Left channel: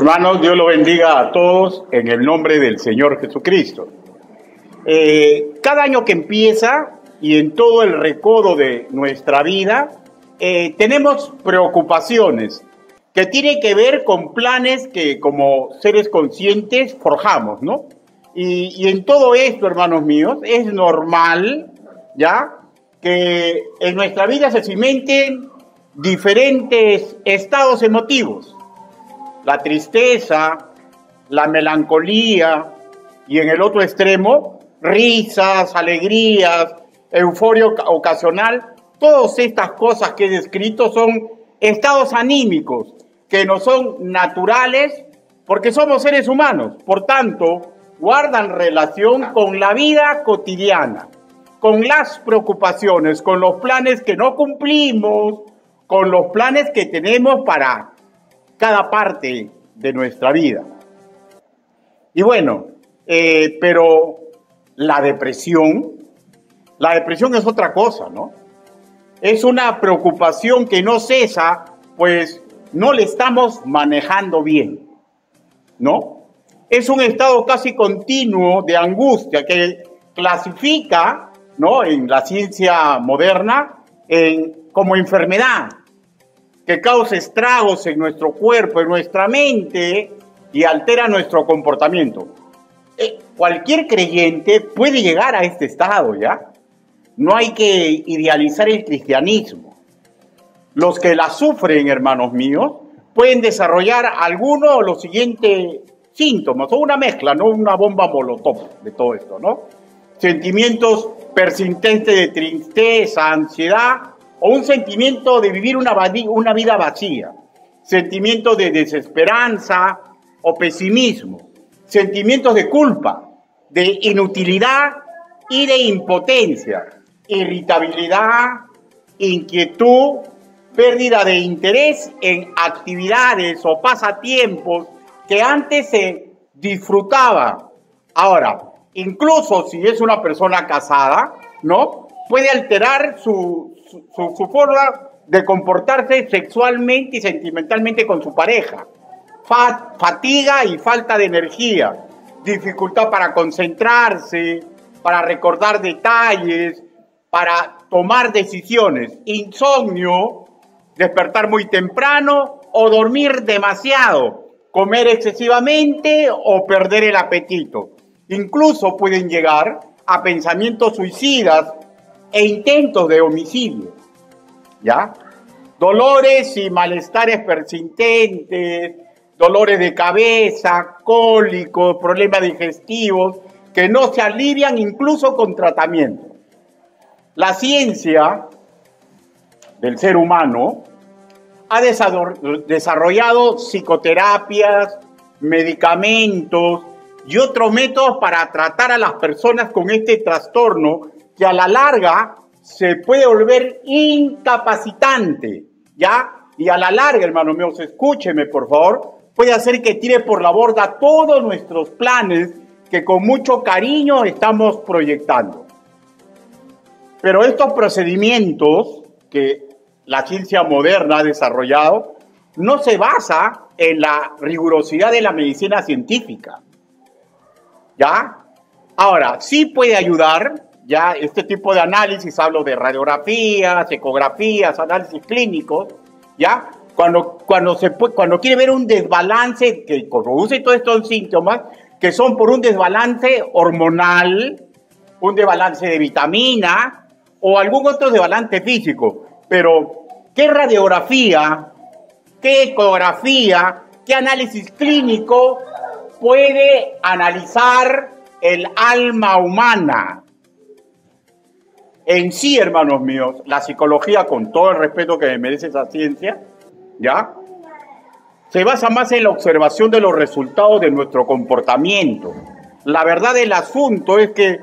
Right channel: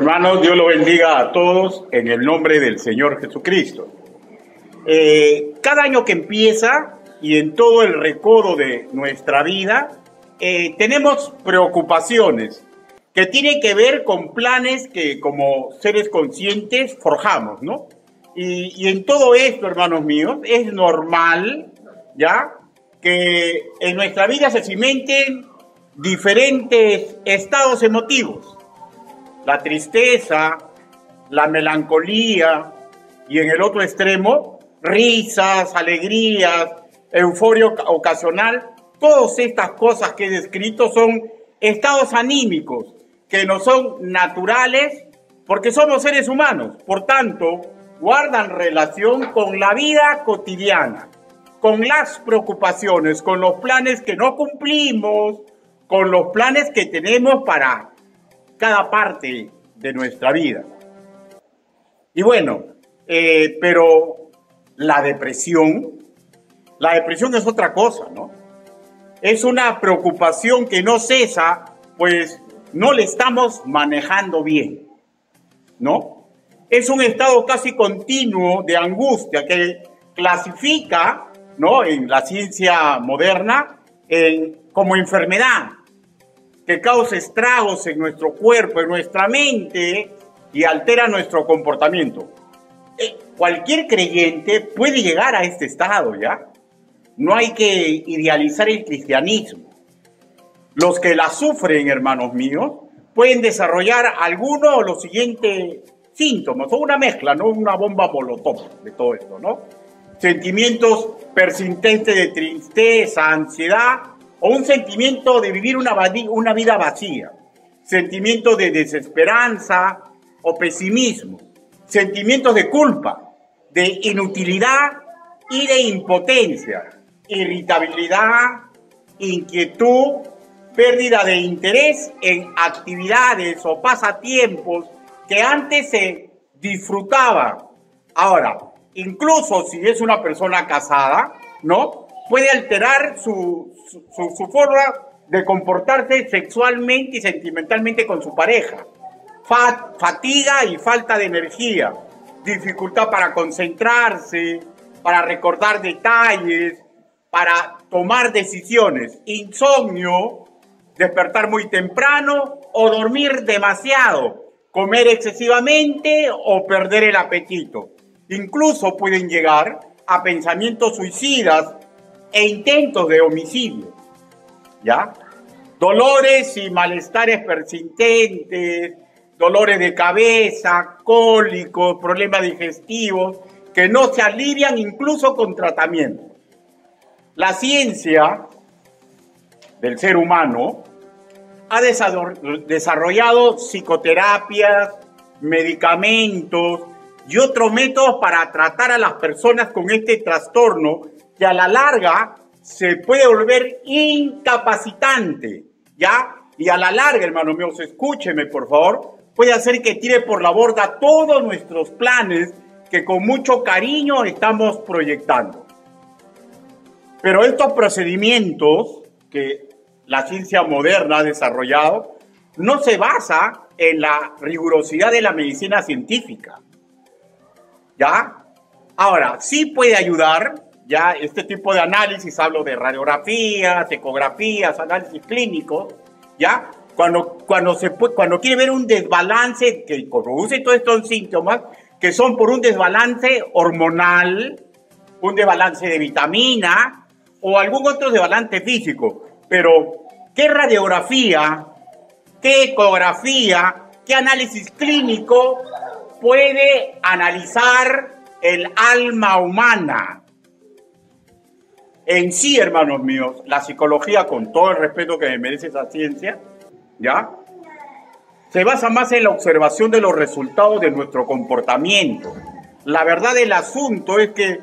Hermanos, Dios lo bendiga a todos en el nombre del Señor Jesucristo. Cada año que empieza y en todo el recodo de nuestra vida, tenemos preocupaciones que tienen que ver con planes que como seres conscientes forjamos, ¿no? Y en todo esto, hermanos míos, es normal, ¿ya?, que en nuestra vida se cimenten diferentes estados emotivos. La tristeza, la melancolía y en el otro extremo, risas, alegrías, euforia ocasional. Todas estas cosas que he descrito son estados anímicos que no son naturales porque somos seres humanos. Por tanto, guardan relación con la vida cotidiana, con las preocupaciones, con los planes que no cumplimos, con los planes que tenemos para cada parte de nuestra vida. Y bueno, pero la depresión es otra cosa, ¿no? Es una preocupación que no cesa, pues no le estamos manejando bien, ¿no? Es un estado casi continuo de angustia que clasifica, ¿no?, en la ciencia moderna como enfermedad, que causa estragos en nuestro cuerpo, en nuestra mente y altera nuestro comportamiento. Cualquier creyente puede llegar a este estado, ¿ya? No hay que idealizar el cristianismo. Los que la sufren, hermanos míos, pueden desarrollar alguno de los siguientes síntomas, o una mezcla, ¿no?, una bomba molotov de todo esto, ¿no? Sentimientos persistentes de tristeza, ansiedad, o un sentimiento de vivir una vida vacía, sentimientos de desesperanza o pesimismo, sentimientos de culpa, de inutilidad y de impotencia, irritabilidad, inquietud, pérdida de interés en actividades o pasatiempos que antes se disfrutaban. Ahora, incluso si es una persona casada, ¿no?, puede alterar su forma de comportarse sexualmente y sentimentalmente con su pareja. Fatiga y falta de energía, dificultad para concentrarse, para recordar detalles, para tomar decisiones, insomnio, despertar muy temprano o dormir demasiado, comer excesivamente o perder el apetito. Incluso pueden llegar a pensamientos suicidas e intentos de homicidio, ¿ya? Dolores y malestares persistentes, dolores de cabeza, cólicos, problemas digestivos, que no se alivian incluso con tratamiento. La ciencia del ser humano ha desarrollado psicoterapias, medicamentos y otros métodos para tratar a las personas con este trastorno que a la larga se puede volver incapacitante, ¿ya? Y a la larga, hermanos míos, escúcheme por favor, puede hacer que tire por la borda todos nuestros planes que con mucho cariño estamos proyectando. Pero estos procedimientos que la ciencia moderna ha desarrollado no se basa en la rigurosidad de la medicina científica, ¿ya? Ahora, sí puede ayudar, ya, este tipo de análisis, hablo de radiografías, ecografías, análisis clínicos, ¿ya? Cuando quiere ver un desbalance que produce todos estos síntomas, que son por un desbalance hormonal, un desbalance de vitamina o algún otro desbalance físico. Pero, ¿qué radiografía, qué ecografía, qué análisis clínico puede analizar el alma humana? En sí, hermanos míos, la psicología, con todo el respeto que me merece esa ciencia, ¿ya?, se basa más en la observación de los resultados de nuestro comportamiento. La verdad del asunto es que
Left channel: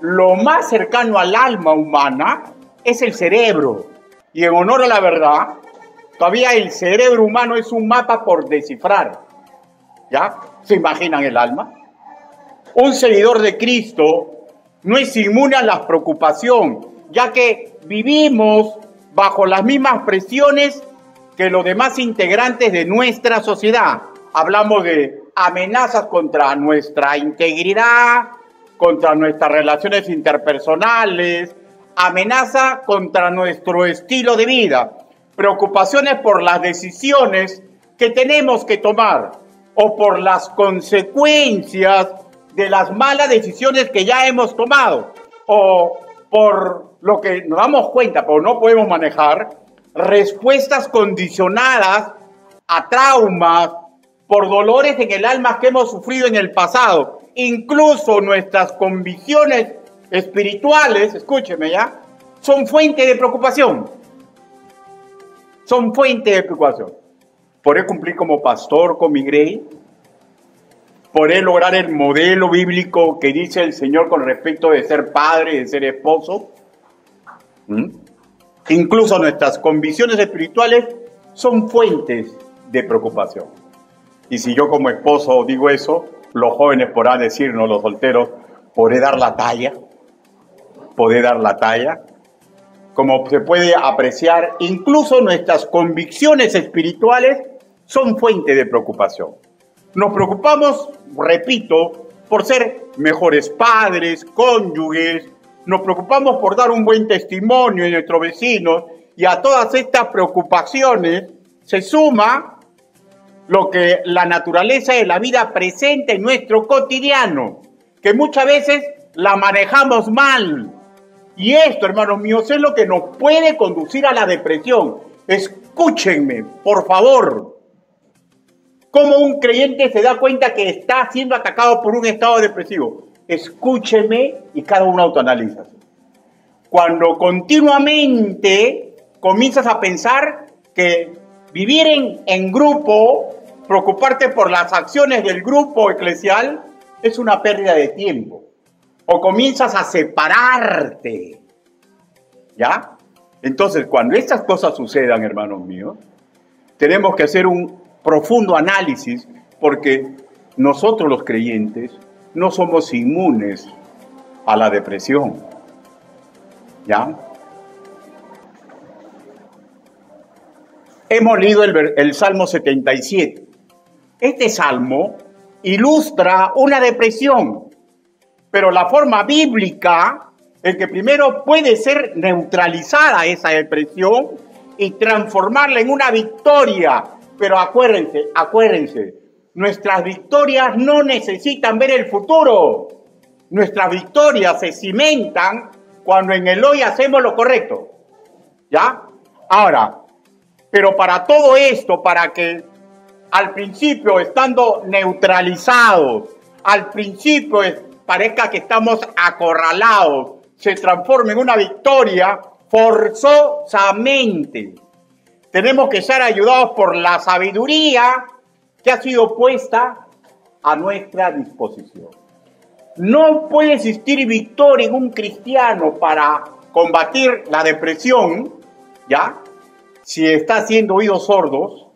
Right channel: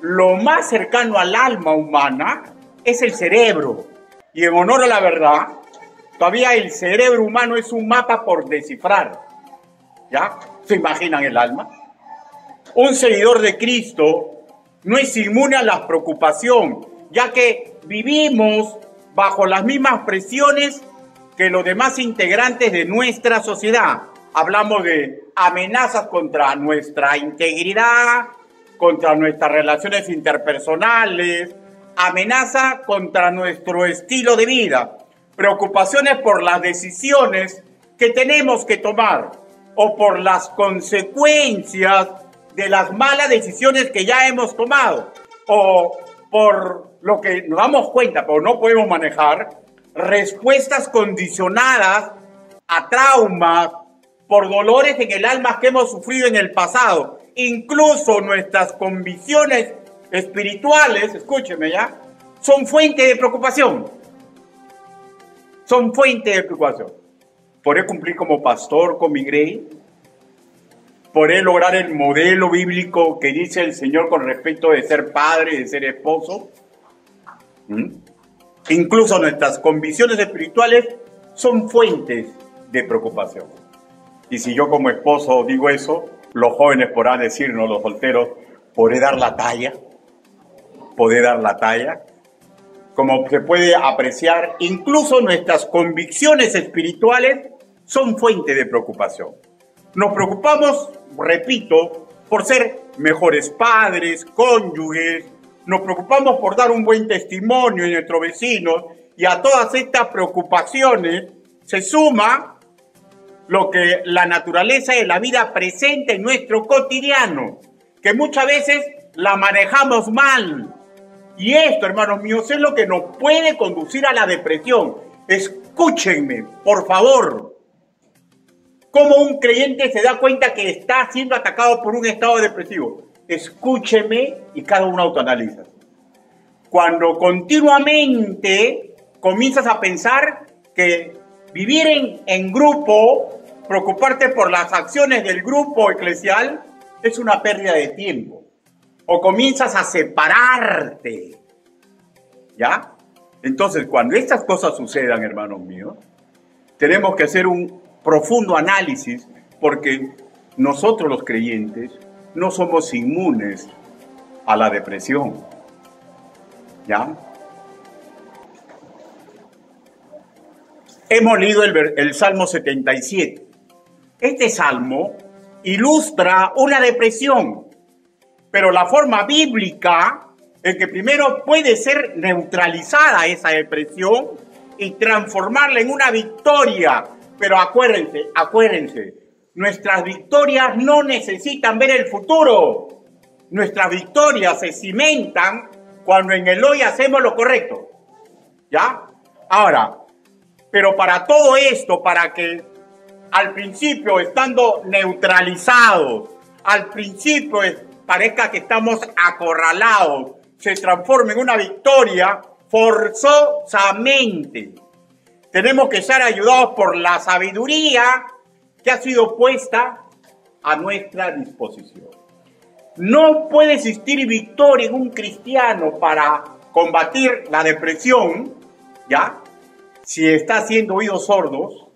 lo más cercano al alma humana es el cerebro. Y en honor a la verdad, todavía el cerebro humano es un mapa por descifrar, ¿ya? ¿Se imaginan el alma? Un seguidor de Cristo no es inmune a la preocupación, ya que vivimos bajo las mismas presiones que los demás integrantes de nuestra sociedad. hablamos de amenazas contra nuestra integridad, contra nuestras relaciones interpersonales, amenaza contra nuestro estilo de vida, preocupaciones por las decisiones que tenemos que tomar o por las consecuencias de las malas decisiones que ya hemos tomado o por lo que nos damos cuenta pero no podemos manejar, respuestas condicionadas a traumas, por dolores en el alma que hemos sufrido en el pasado. Incluso nuestras convicciones espirituales, escúcheme ya, son fuente de preocupación. Son fuente de preocupación. ¿Podré cumplir como pastor con mi grey? ¿Podré lograr el modelo bíblico que dice el Señor con respecto de ser padre, de ser esposo? Incluso nuestras convicciones espirituales son fuentes de preocupación. Y si yo como esposo digo eso, los jóvenes podrán decirnos, los solteros, ¿podré dar la talla? ¿Podré dar la talla? Como se puede apreciar, incluso nuestras convicciones espirituales son fuente de preocupación. Nos preocupamos, repito, por ser mejores padres, cónyuges, nos preocupamos por dar un buen testimonio a nuestros vecinos, y a todas estas preocupaciones se suma lo que la naturaleza de la vida presenta en nuestro cotidiano, que muchas veces la manejamos mal. Y esto, hermanos míos, es lo que nos puede conducir a la depresión. Escúchenme, por favor. ¿Cómo un creyente se da cuenta que está siendo atacado por un estado depresivo? Escúcheme y cada uno autoanaliza. Cuando continuamente comienzas a pensar que vivir en grupo, preocuparte por las acciones del grupo eclesial, es una pérdida de tiempo. O comienzas a separarte. ¿Ya? Entonces, cuando estas cosas sucedan, hermanos míos, tenemos que hacer un profundo análisis, porque nosotros los creyentes no somos inmunes a la depresión. ¿Ya? Hemos leído el Salmo 77. Este salmo ilustra una depresión, pero la forma bíblica en que primero puede ser neutralizada esa depresión y transformarla en una victoria. Pero acuérdense, nuestras victorias no necesitan ver el futuro. Nuestras victorias se cimentan cuando en el hoy hacemos lo correcto. ¿Ya? Ahora, pero para todo esto, para que al principio, estando neutralizados, al principio parezca que estamos acorralados, se transforme en una victoria, forzosamente tenemos que ser ayudados por la sabiduría que ha sido puesta a nuestra disposición. No puede existir victoria en un cristiano para combatir la depresión, ¿ya? Si está haciendo oídos sordos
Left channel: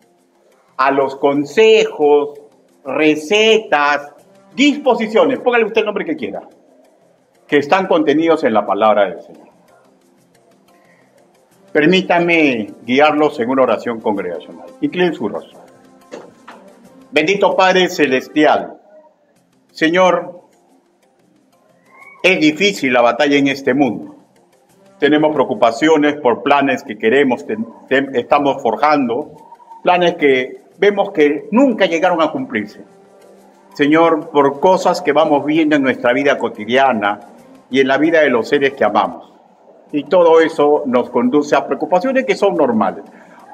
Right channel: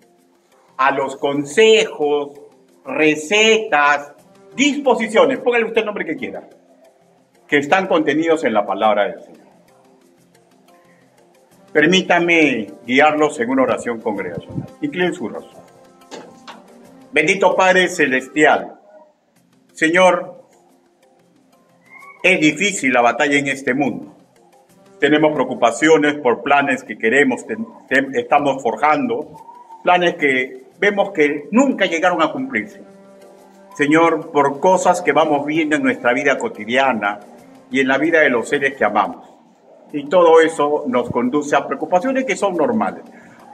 a los consejos, recetas, disposiciones, póngale usted el nombre que quiera, que están contenidos en la palabra del Señor. Permítame guiarlos en una oración congregacional. Inclinen su rostro. Bendito Padre Celestial, Señor, es difícil la batalla en este mundo. Tenemos preocupaciones por planes que queremos, estamos forjando, planes que vemos que nunca llegaron a cumplirse. Señor, por cosas que vamos viendo en nuestra vida cotidiana y en la vida de los seres que amamos. Y todo eso nos conduce a preocupaciones que son normales.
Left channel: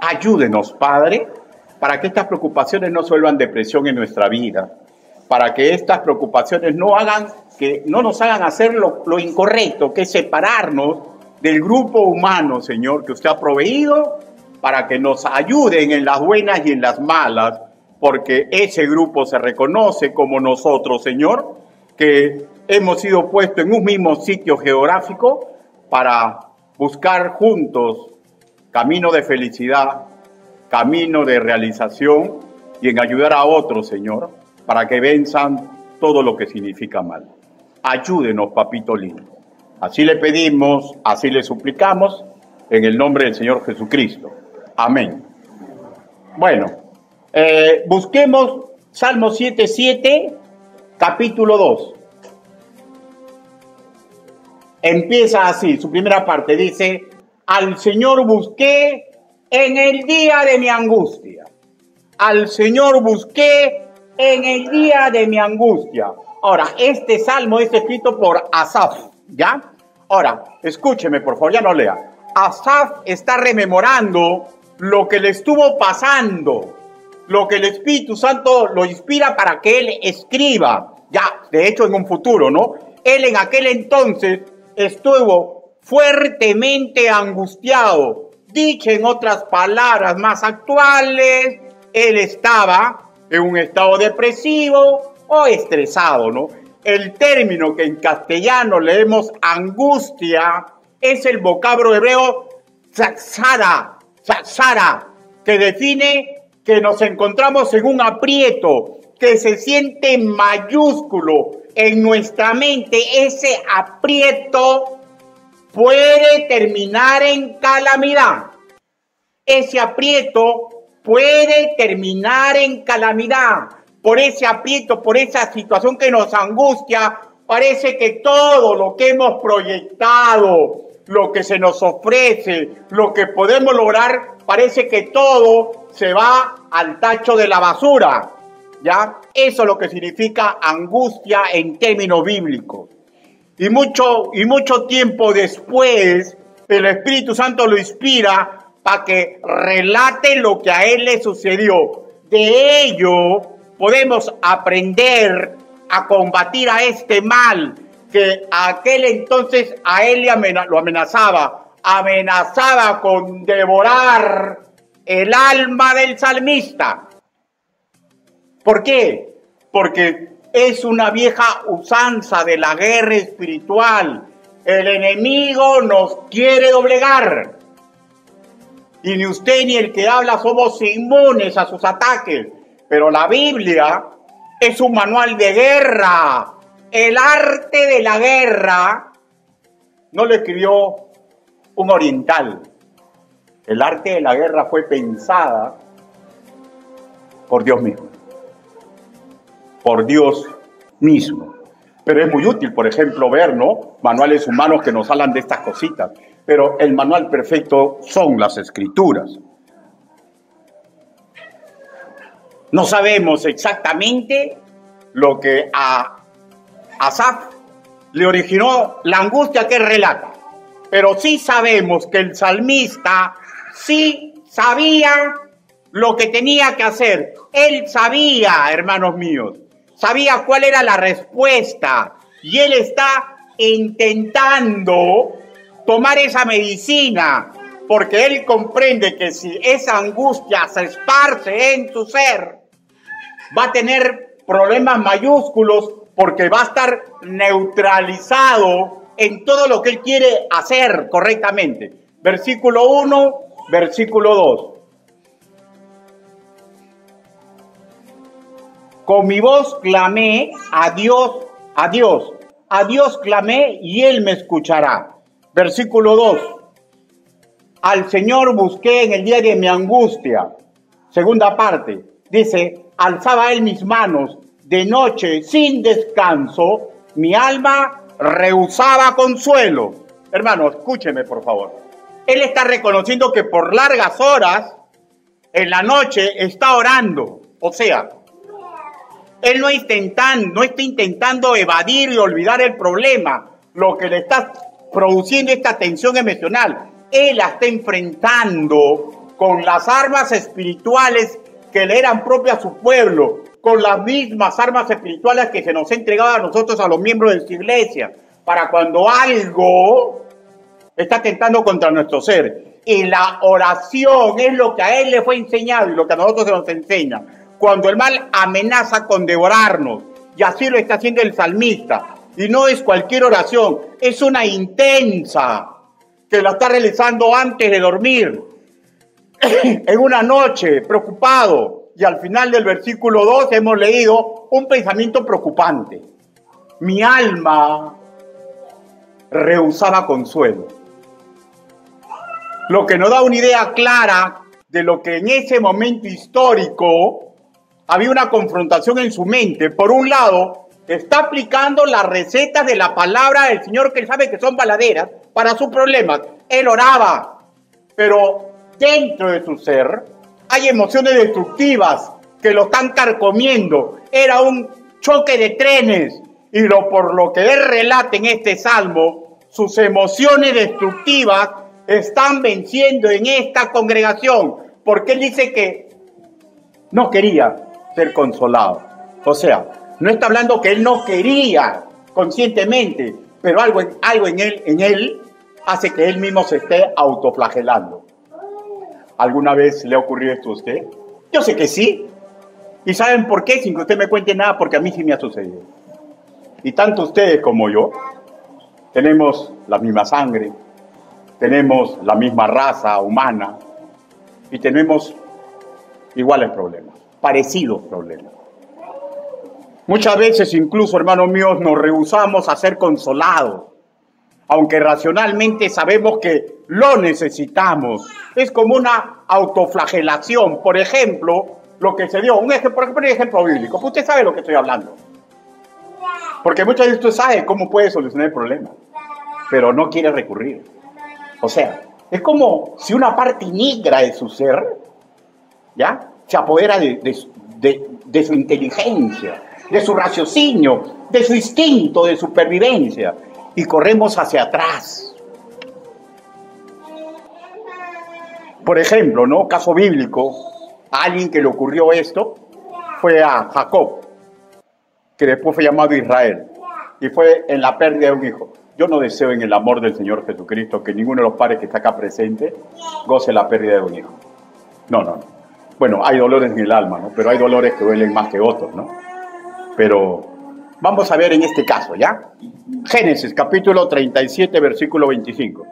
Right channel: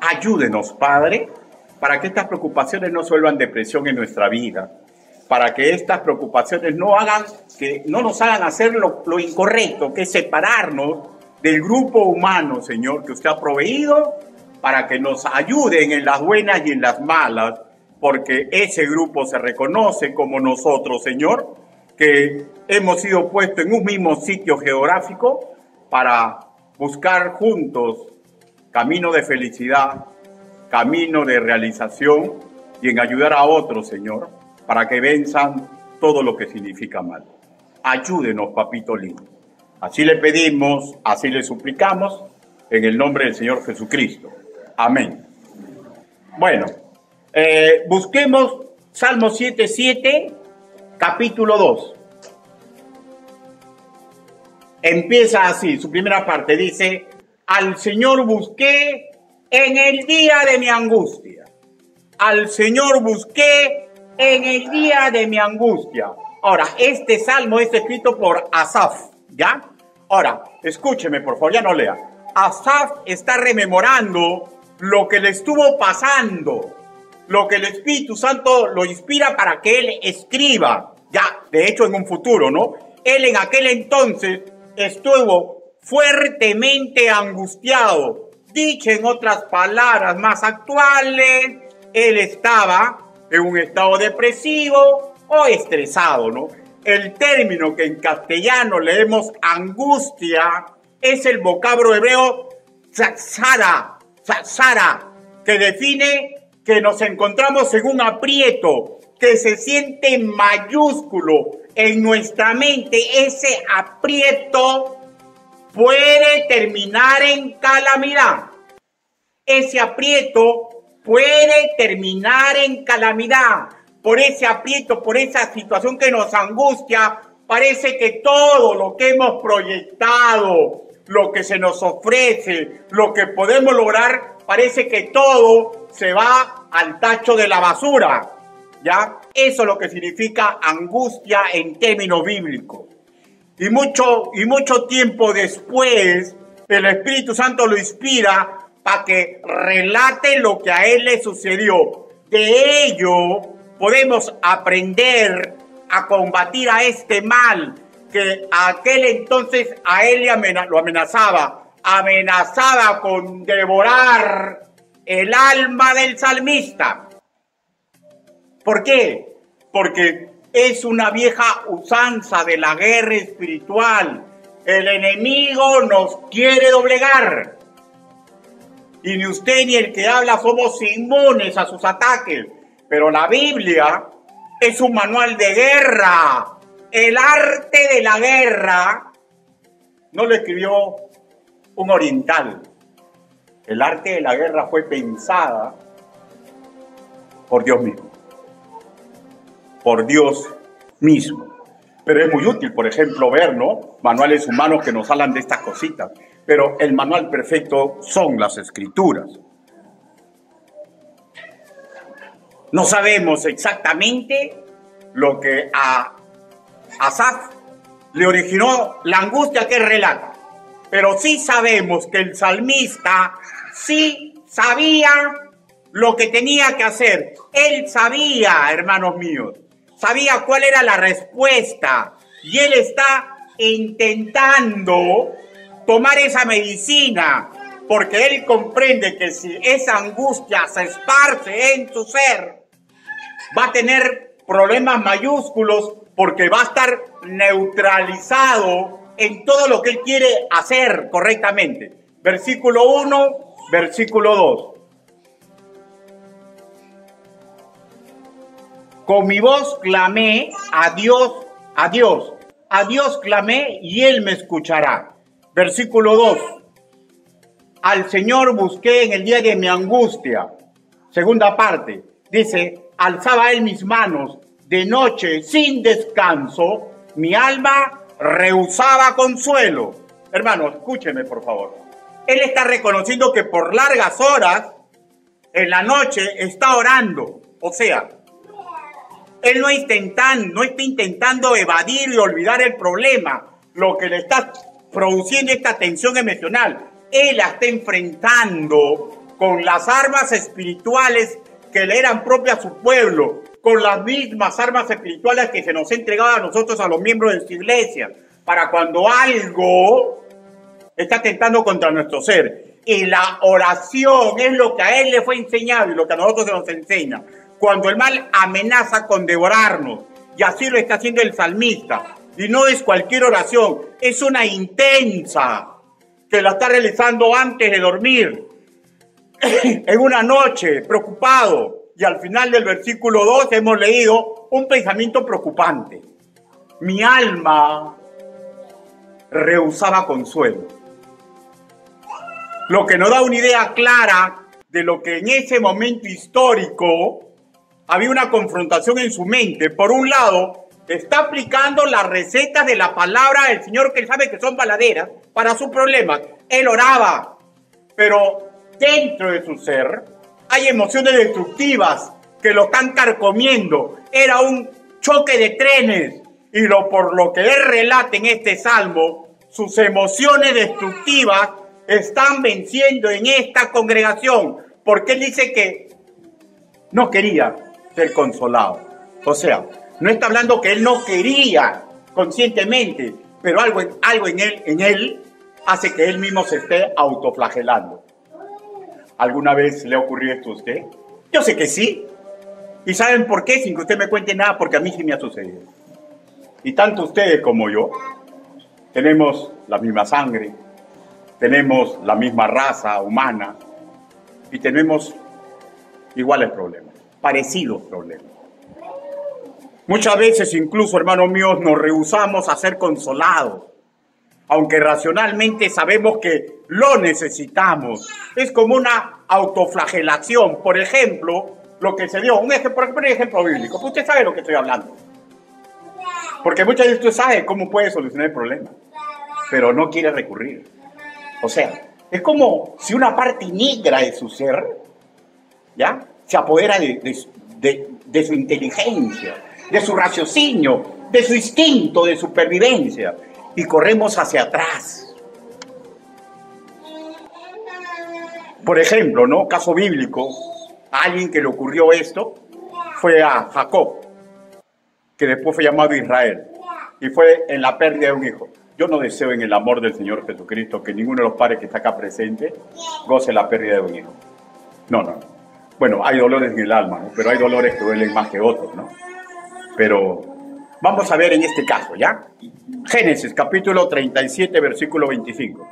Ayúdenos, Padre, para que estas preocupaciones no se vuelvan depresión en nuestra vida, para que estas preocupaciones no nos hagan hacer lo incorrecto, que es separarnos del grupo humano, Señor, que usted ha proveído para que nos ayuden en las buenas y en las malas, porque ese grupo se reconoce como nosotros, Señor, que hemos sido puestos en un mismo sitio geográfico para buscar juntos camino de felicidad, camino de realización y en ayudar a otros, Señor, para que venzan todo lo que significa mal. Ayúdenos, papito lindo. Así le pedimos, así le suplicamos, en el nombre del Señor Jesucristo. Amén. Bueno, busquemos Salmo 7:7, capítulo 2. Empieza así, su primera parte dice: al Señor busqué en el día de mi angustia. Al Señor busqué en el día de mi angustia. Ahora, este salmo es escrito por Asaf, ¿ya? Ahora, escúcheme, por favor, ya no lea. Asaf está rememorando lo que le estuvo pasando, lo que el Espíritu Santo lo inspira para que él escriba, ya, de hecho, en un futuro, ¿no? Él en aquel entonces estuvo fuertemente angustiado. Dicho en otras palabras más actuales, él estaba en un estado depresivo o estresado, ¿no? El término que en castellano leemos angustia es el vocablo hebreo tzara, que define que nos encontramos en un aprieto, que se siente mayúsculo en nuestra mente. Ese aprieto puede terminar en calamidad. Ese aprieto puede terminar en calamidad. Por ese aprieto, por esa situación que nos angustia, parece que todo lo que hemos proyectado, lo que se nos ofrece, lo que podemos lograr, parece que todo se va al tacho de la basura, ¿ya? Eso es lo que significa angustia en términos bíblicos. Y mucho tiempo después, el Espíritu Santo lo inspira para que relate lo que a él le sucedió. De ello podemos aprender a combatir a este mal que aquel entonces a él lo amenazaba con devorar el alma del salmista. ¿Por qué? Porque es una vieja usanza de la guerra espiritual. El enemigo nos quiere doblegar. Y ni usted ni el que habla somos inmunes a sus ataques. Pero la Biblia es un manual de guerra. El arte de la guerra no lo escribió un oriental. El arte de la guerra fue pensada por Dios mismo. Por Dios mismo. Pero es muy útil, por ejemplo, ver, ¿no?, manuales humanos que nos hablan de estas cositas. Pero el manual perfecto son las Escrituras. No sabemos exactamente lo que a Asaf le originó la angustia que él relata. Pero sí sabemos que el salmista sí sabía lo que tenía que hacer. Él sabía, hermanos míos, sabía cuál era la respuesta. Y él está intentando tomar esa medicina, porque él comprende que si esa angustia se esparce en su ser, va a tener problemas mayúsculos, porque va a estar neutralizado en todo lo que él quiere hacer correctamente. Versículo 1, versículo 2. Con mi voz clamé a Dios, a Dios. A Dios clamé y Él me escuchará. Versículo 2. Al Señor busqué en el día de mi angustia. Segunda parte. Dice, alzaba Él mis manos de noche sin descanso. Mi alma rehusaba consuelo. Hermano, escúcheme por favor. Él está reconociendo que por largas horas en la noche está orando. O sea, él no está intentando evadir y olvidar el problema, lo que le está produciendo esta tensión emocional. Él la está enfrentando con las armas espirituales que le eran propias a su pueblo, con las mismas armas espirituales que se nos ha entregado a nosotros, a los miembros de su iglesia, para cuando algo está tentando contra nuestro ser. Y la oración es lo que a él le fue enseñado y lo que a nosotros se nos enseña. Cuando el mal amenaza con devorarnos, y así lo está haciendo el salmista, y no es cualquier oración, es una intensa, que la está realizando antes de dormir, en una noche, preocupado, y al final del versículo 2 hemos leído un pensamiento preocupante. Mi alma rehusaba consuelo. Lo que nos da una idea clara de lo que en ese momento histórico había una confrontación en su mente. Por un lado, está aplicando las recetas de la palabra del Señor, que él sabe que son valaderas para sus problemas. Él oraba, pero dentro de su ser hay emociones destructivas que lo están carcomiendo. Era un choque de trenes, y por lo que él relata en este salmo, sus emociones destructivas están venciendo en esta congregación, porque él dice que no quería ser consolado. O sea, no está hablando que él no quería conscientemente, pero algo en él hace que él mismo se esté autoflagelando. ¿Alguna vez le ha ocurrido esto a usted? Yo sé que sí. ¿Y saben por qué? Sin que usted me cuente nada, porque a mí sí me ha sucedido. Y tanto ustedes como yo tenemos la misma sangre, tenemos la misma raza humana y tenemos iguales problemas, parecidos problemas. Muchas veces incluso, hermanos míos, nos rehusamos a ser consolados, aunque racionalmente sabemos que lo necesitamos. Es como una autoflagelación. Por ejemplo, lo que se dio, un ejemplo bíblico, pues usted sabe lo que estoy hablando. Porque muchas veces usted sabe cómo puede solucionar el problema, pero no quiere recurrir. O sea, es como si una parte negra de su ser, ¿ya?, se apodera de su inteligencia, de su raciocinio, de su instinto de supervivencia, y corremos hacia atrás. Por ejemplo, ¿no?, caso bíblico, a alguien que le ocurrió esto fue a Jacob, que después fue llamado Israel, y fue en la pérdida de un hijo. Yo no deseo en el amor del Señor Jesucristo que ninguno de los padres que está acá presente goce la pérdida de un hijo. No. Bueno, hay dolores en el alma, ¿no? Pero hay dolores que duelen más que otros, ¿no? Pero vamos a ver en este caso, ¿ya? Génesis, capítulo 37, versículo 25.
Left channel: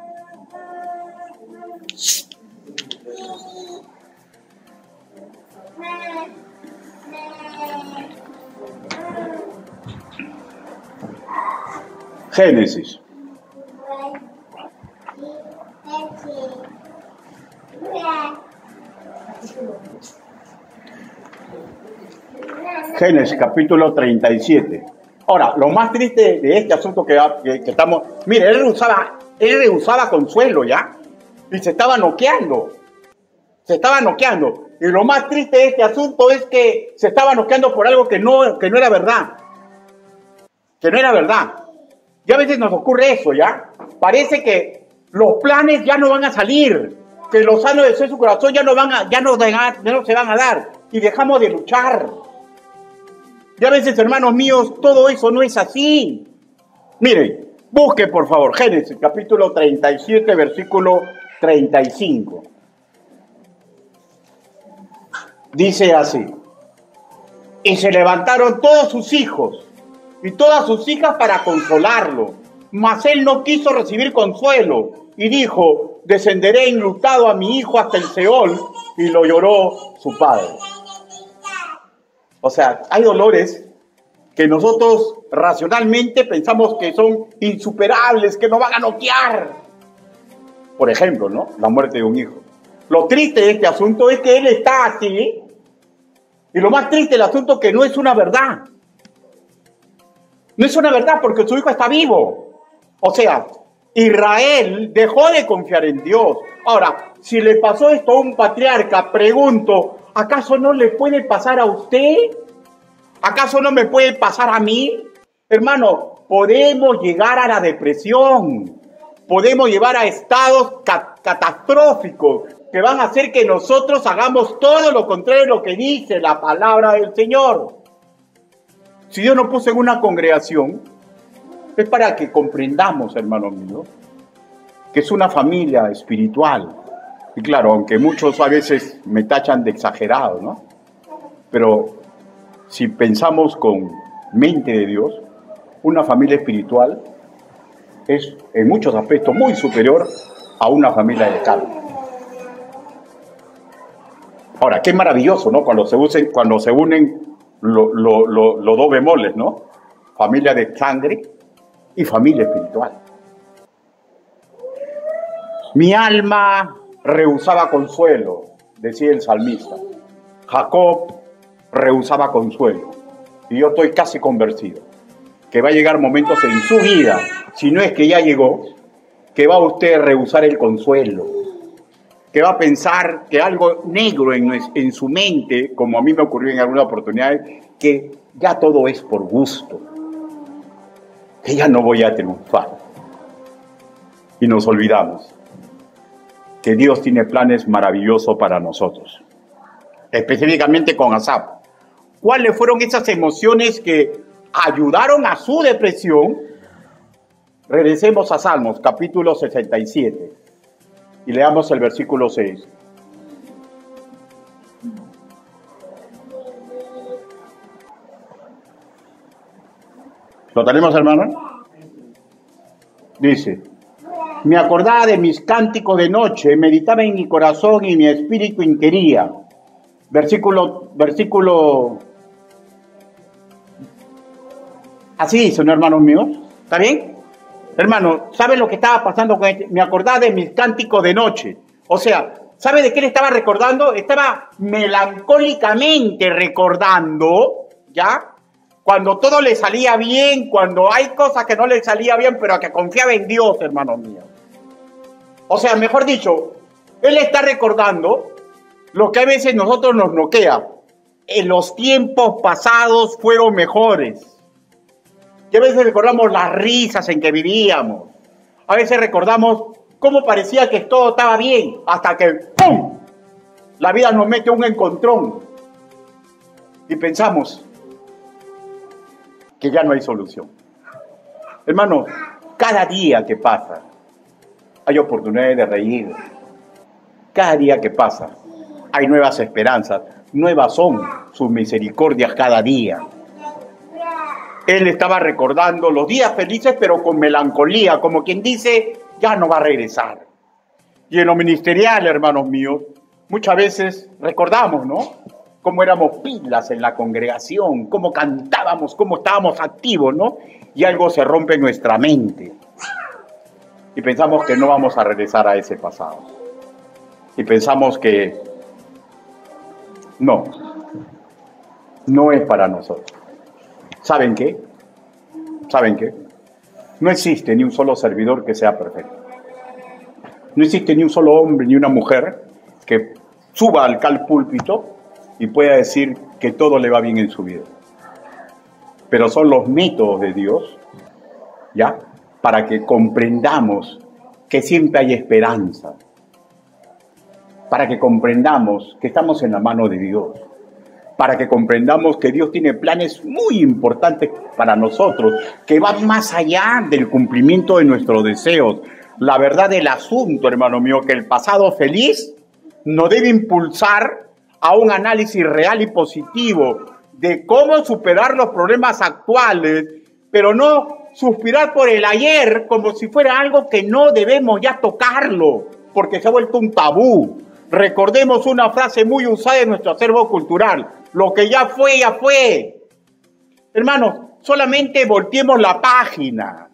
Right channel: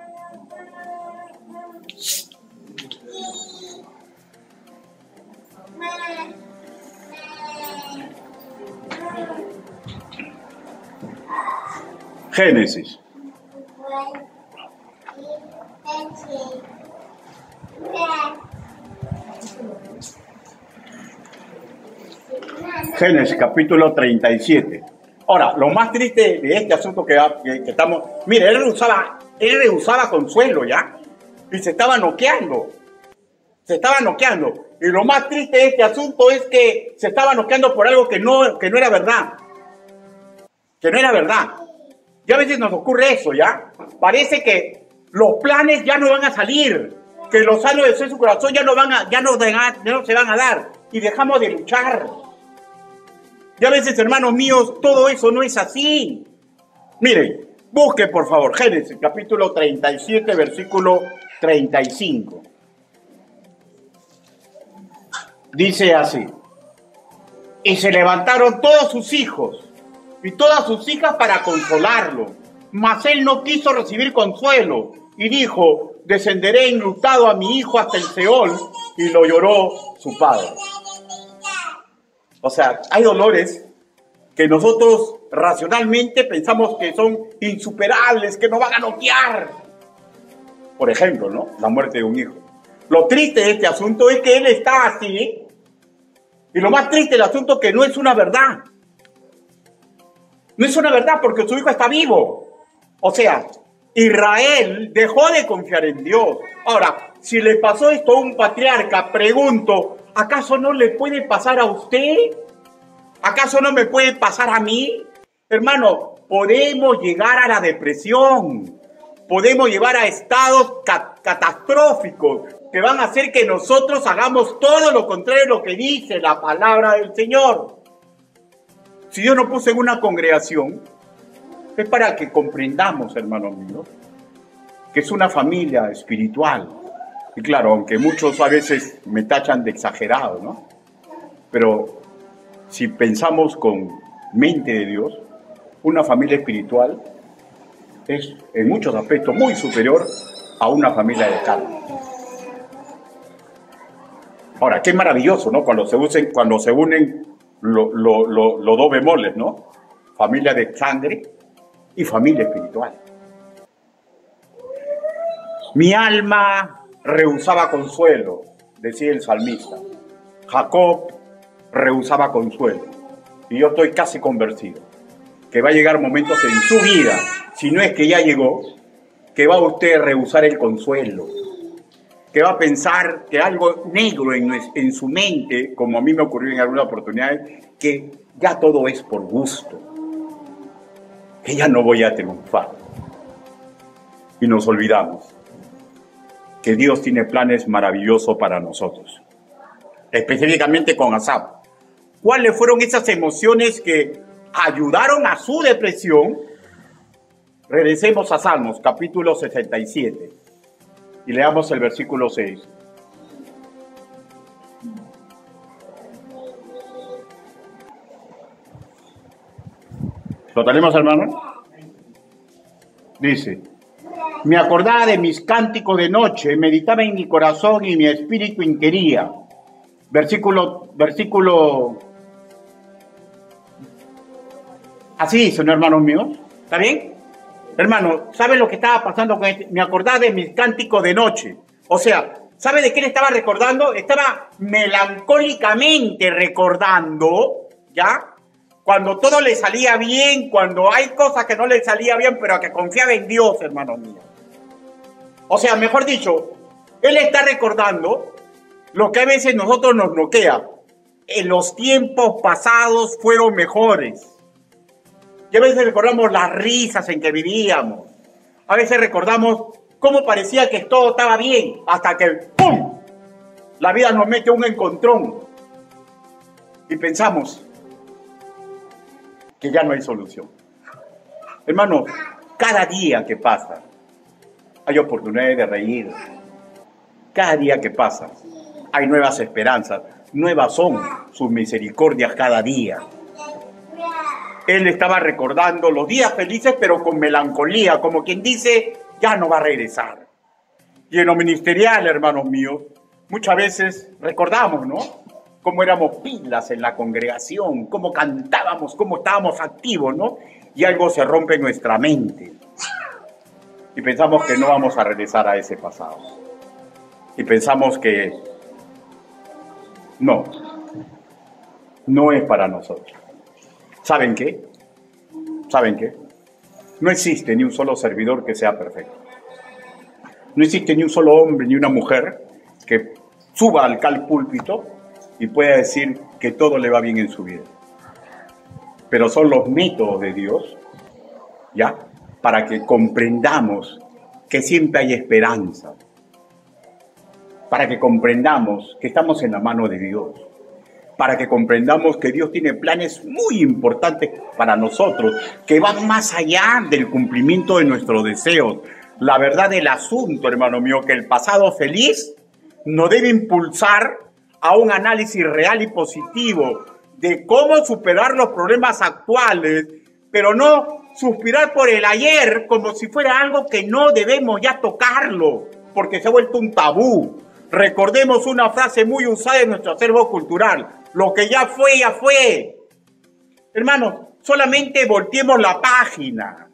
Génesis. Génesis, capítulo 37. Ahora, lo más triste de este asunto que estamos... Mire, él rehusaba consuelo, ¿ya? Y se estaba noqueando. Y lo más triste de este asunto es que se estaba noqueando por algo que no era verdad. Que no era verdad. Y a veces nos ocurre eso, ¿ya? Parece que los planes ya no van a salir, que los años de su corazón ya no se van a dar, y dejamos de luchar. Y a veces, hermanos míos, todo eso no es así. Miren, busque por favor Génesis capítulo 37, versículo 35. Dice así: y se levantaron todos sus hijos y todas sus hijas para consolarlo, mas él no quiso recibir consuelo, y dijo: descenderé enlutado a mi hijo hasta el Seol. Y lo lloró su padre. O sea, hay dolores que nosotros racionalmente pensamos que son insuperables, que nos van a noquear. Por ejemplo, ¿no?, la muerte de un hijo. Lo triste de este asunto es que él está así, y lo más triste del asunto es que no es una verdad. No es una verdad, porque su hijo está vivo. O sea, Israel dejó de confiar en Dios. Ahora, si le pasó esto a un patriarca, pregunto, ¿acaso no le puede pasar a usted? ¿Acaso no me puede pasar a mí? Hermano, podemos llegar a la depresión. Podemos llevar a estados catastróficos que van a hacer que nosotros hagamos todo lo contrario de lo que dice la palabra del Señor. Si Dios nos puso en una congregación, es para que comprendamos, hermanos míos, que es una familia espiritual. Y claro, aunque muchos a veces me tachan de exagerado, ¿no? Pero si pensamos con mente de Dios, una familia espiritual es en muchos aspectos muy superior a una familia de carne. Ahora, qué maravilloso, ¿no? Cuando se unen los dos bemoles, ¿no? Familia de sangre y familia espiritual. Mi alma rehusaba consuelo, decía el salmista. Jacob rehusaba consuelo. Y yo estoy casi convencido que va a llegar momentos en su vida, si no es que ya llegó, que va usted a rehusar el consuelo, que va a pensar que algo negro en su mente, como a mí me ocurrió en alguna oportunidad, que ya todo es por gusto, que ya no voy a triunfar. Y nos olvidamos que Dios tiene planes maravillosos para nosotros, específicamente con Asaf. ¿Cuáles fueron esas emociones que ayudaron a su depresión? Regresemos a Salmos, capítulo 67, y leamos el versículo 6. ¿Lo tenemos, hermano? Dice: me acordaba de mis cánticos de noche, meditaba en mi corazón y mi espíritu inquiría. Versículo. Así dice, ¿no, hermanos míos? ¿Está bien? Hermano, ¿sabe lo que estaba pasando con este? Me acordaba de mis cánticos de noche. O sea, ¿sabe de qué le estaba recordando? Estaba melancólicamente recordando, ¿ya? Cuando todo le salía bien, cuando hay cosas que no le salía bien, pero que confiaba en Dios, hermanos míos. O sea, mejor dicho, él está recordando lo que a veces nosotros nos noquea. En los tiempos pasados fueron mejores. Y a veces recordamos las risas en que vivíamos. A veces recordamos cómo parecía que todo estaba bien, hasta que ¡pum! La vida nos mete un encontrón. Y pensamos que ya no hay solución. Hermano, cada día que pasa, hay oportunidades de reír. Cada día que pasa, hay nuevas esperanzas. Nuevas son sus misericordias cada día. Él estaba recordando los días felices, pero con melancolía, como quien dice, ya no va a regresar. Y en lo ministerial, hermanos míos, muchas veces recordamos, ¿no? Cómo éramos pilas en la congregación, cómo cantábamos, cómo estábamos activos, ¿no? Y algo se rompe en nuestra mente. Y pensamos que no vamos a regresar a ese pasado. Y pensamos que no es para nosotros. ¿Saben qué? ¿Saben qué? No existe ni un solo servidor que sea perfecto. No existe ni un solo hombre ni una mujer que suba al púlpito y pueda decir que todo le va bien en su vida. Pero son los métodos de Dios, ¿ya? Para que comprendamos que siempre hay esperanza. Para que comprendamos que estamos en la mano de Dios. Para que comprendamos que Dios tiene planes muy importantes para nosotros, que van más allá del cumplimiento de nuestros deseos. La verdad del asunto, hermano mío, que el pasado feliz nos debe impulsar a un análisis real y positivo de cómo superar los problemas actuales, pero no suspirar por el ayer como si fuera algo que no debemos ya tocarlo, porque se ha vuelto un tabú. Recordemos una frase muy usada en nuestro acervo cultural: lo que ya fue, ya fue. Hermanos, solamente volteemos la página.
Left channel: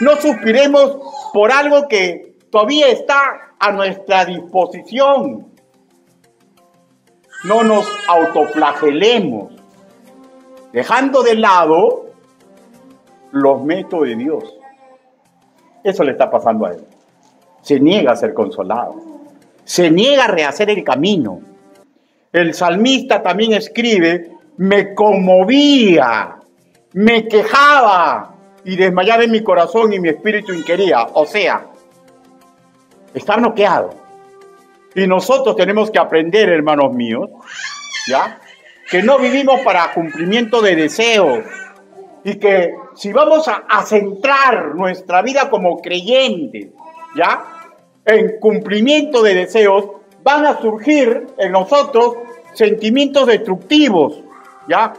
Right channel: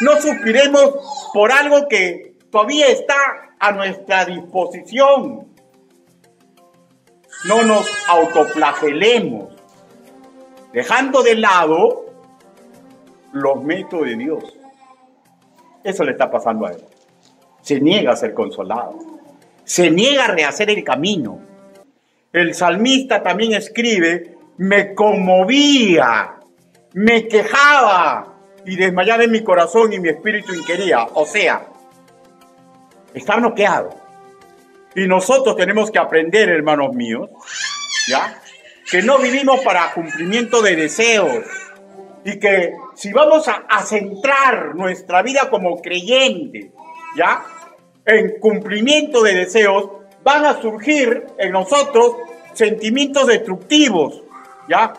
No suspiremos por algo que todavía está a nuestra disposición. No nos autoflagelemos, dejando de lado los métodos de Dios. Eso le está pasando a él. Se niega a ser consolado. Se niega a rehacer el camino. El salmista también escribe: me conmovía, me quejaba y desmayaba en mi corazón y mi espíritu inquiría. O sea, está bloqueado. Y nosotros tenemos que aprender, hermanos míos, ¿ya? Que no vivimos para cumplimiento de deseos. Y que si vamos a centrar nuestra vida como creyentes, ¿ya?, en cumplimiento de deseos, van a surgir en nosotros sentimientos destructivos, ¿ya?,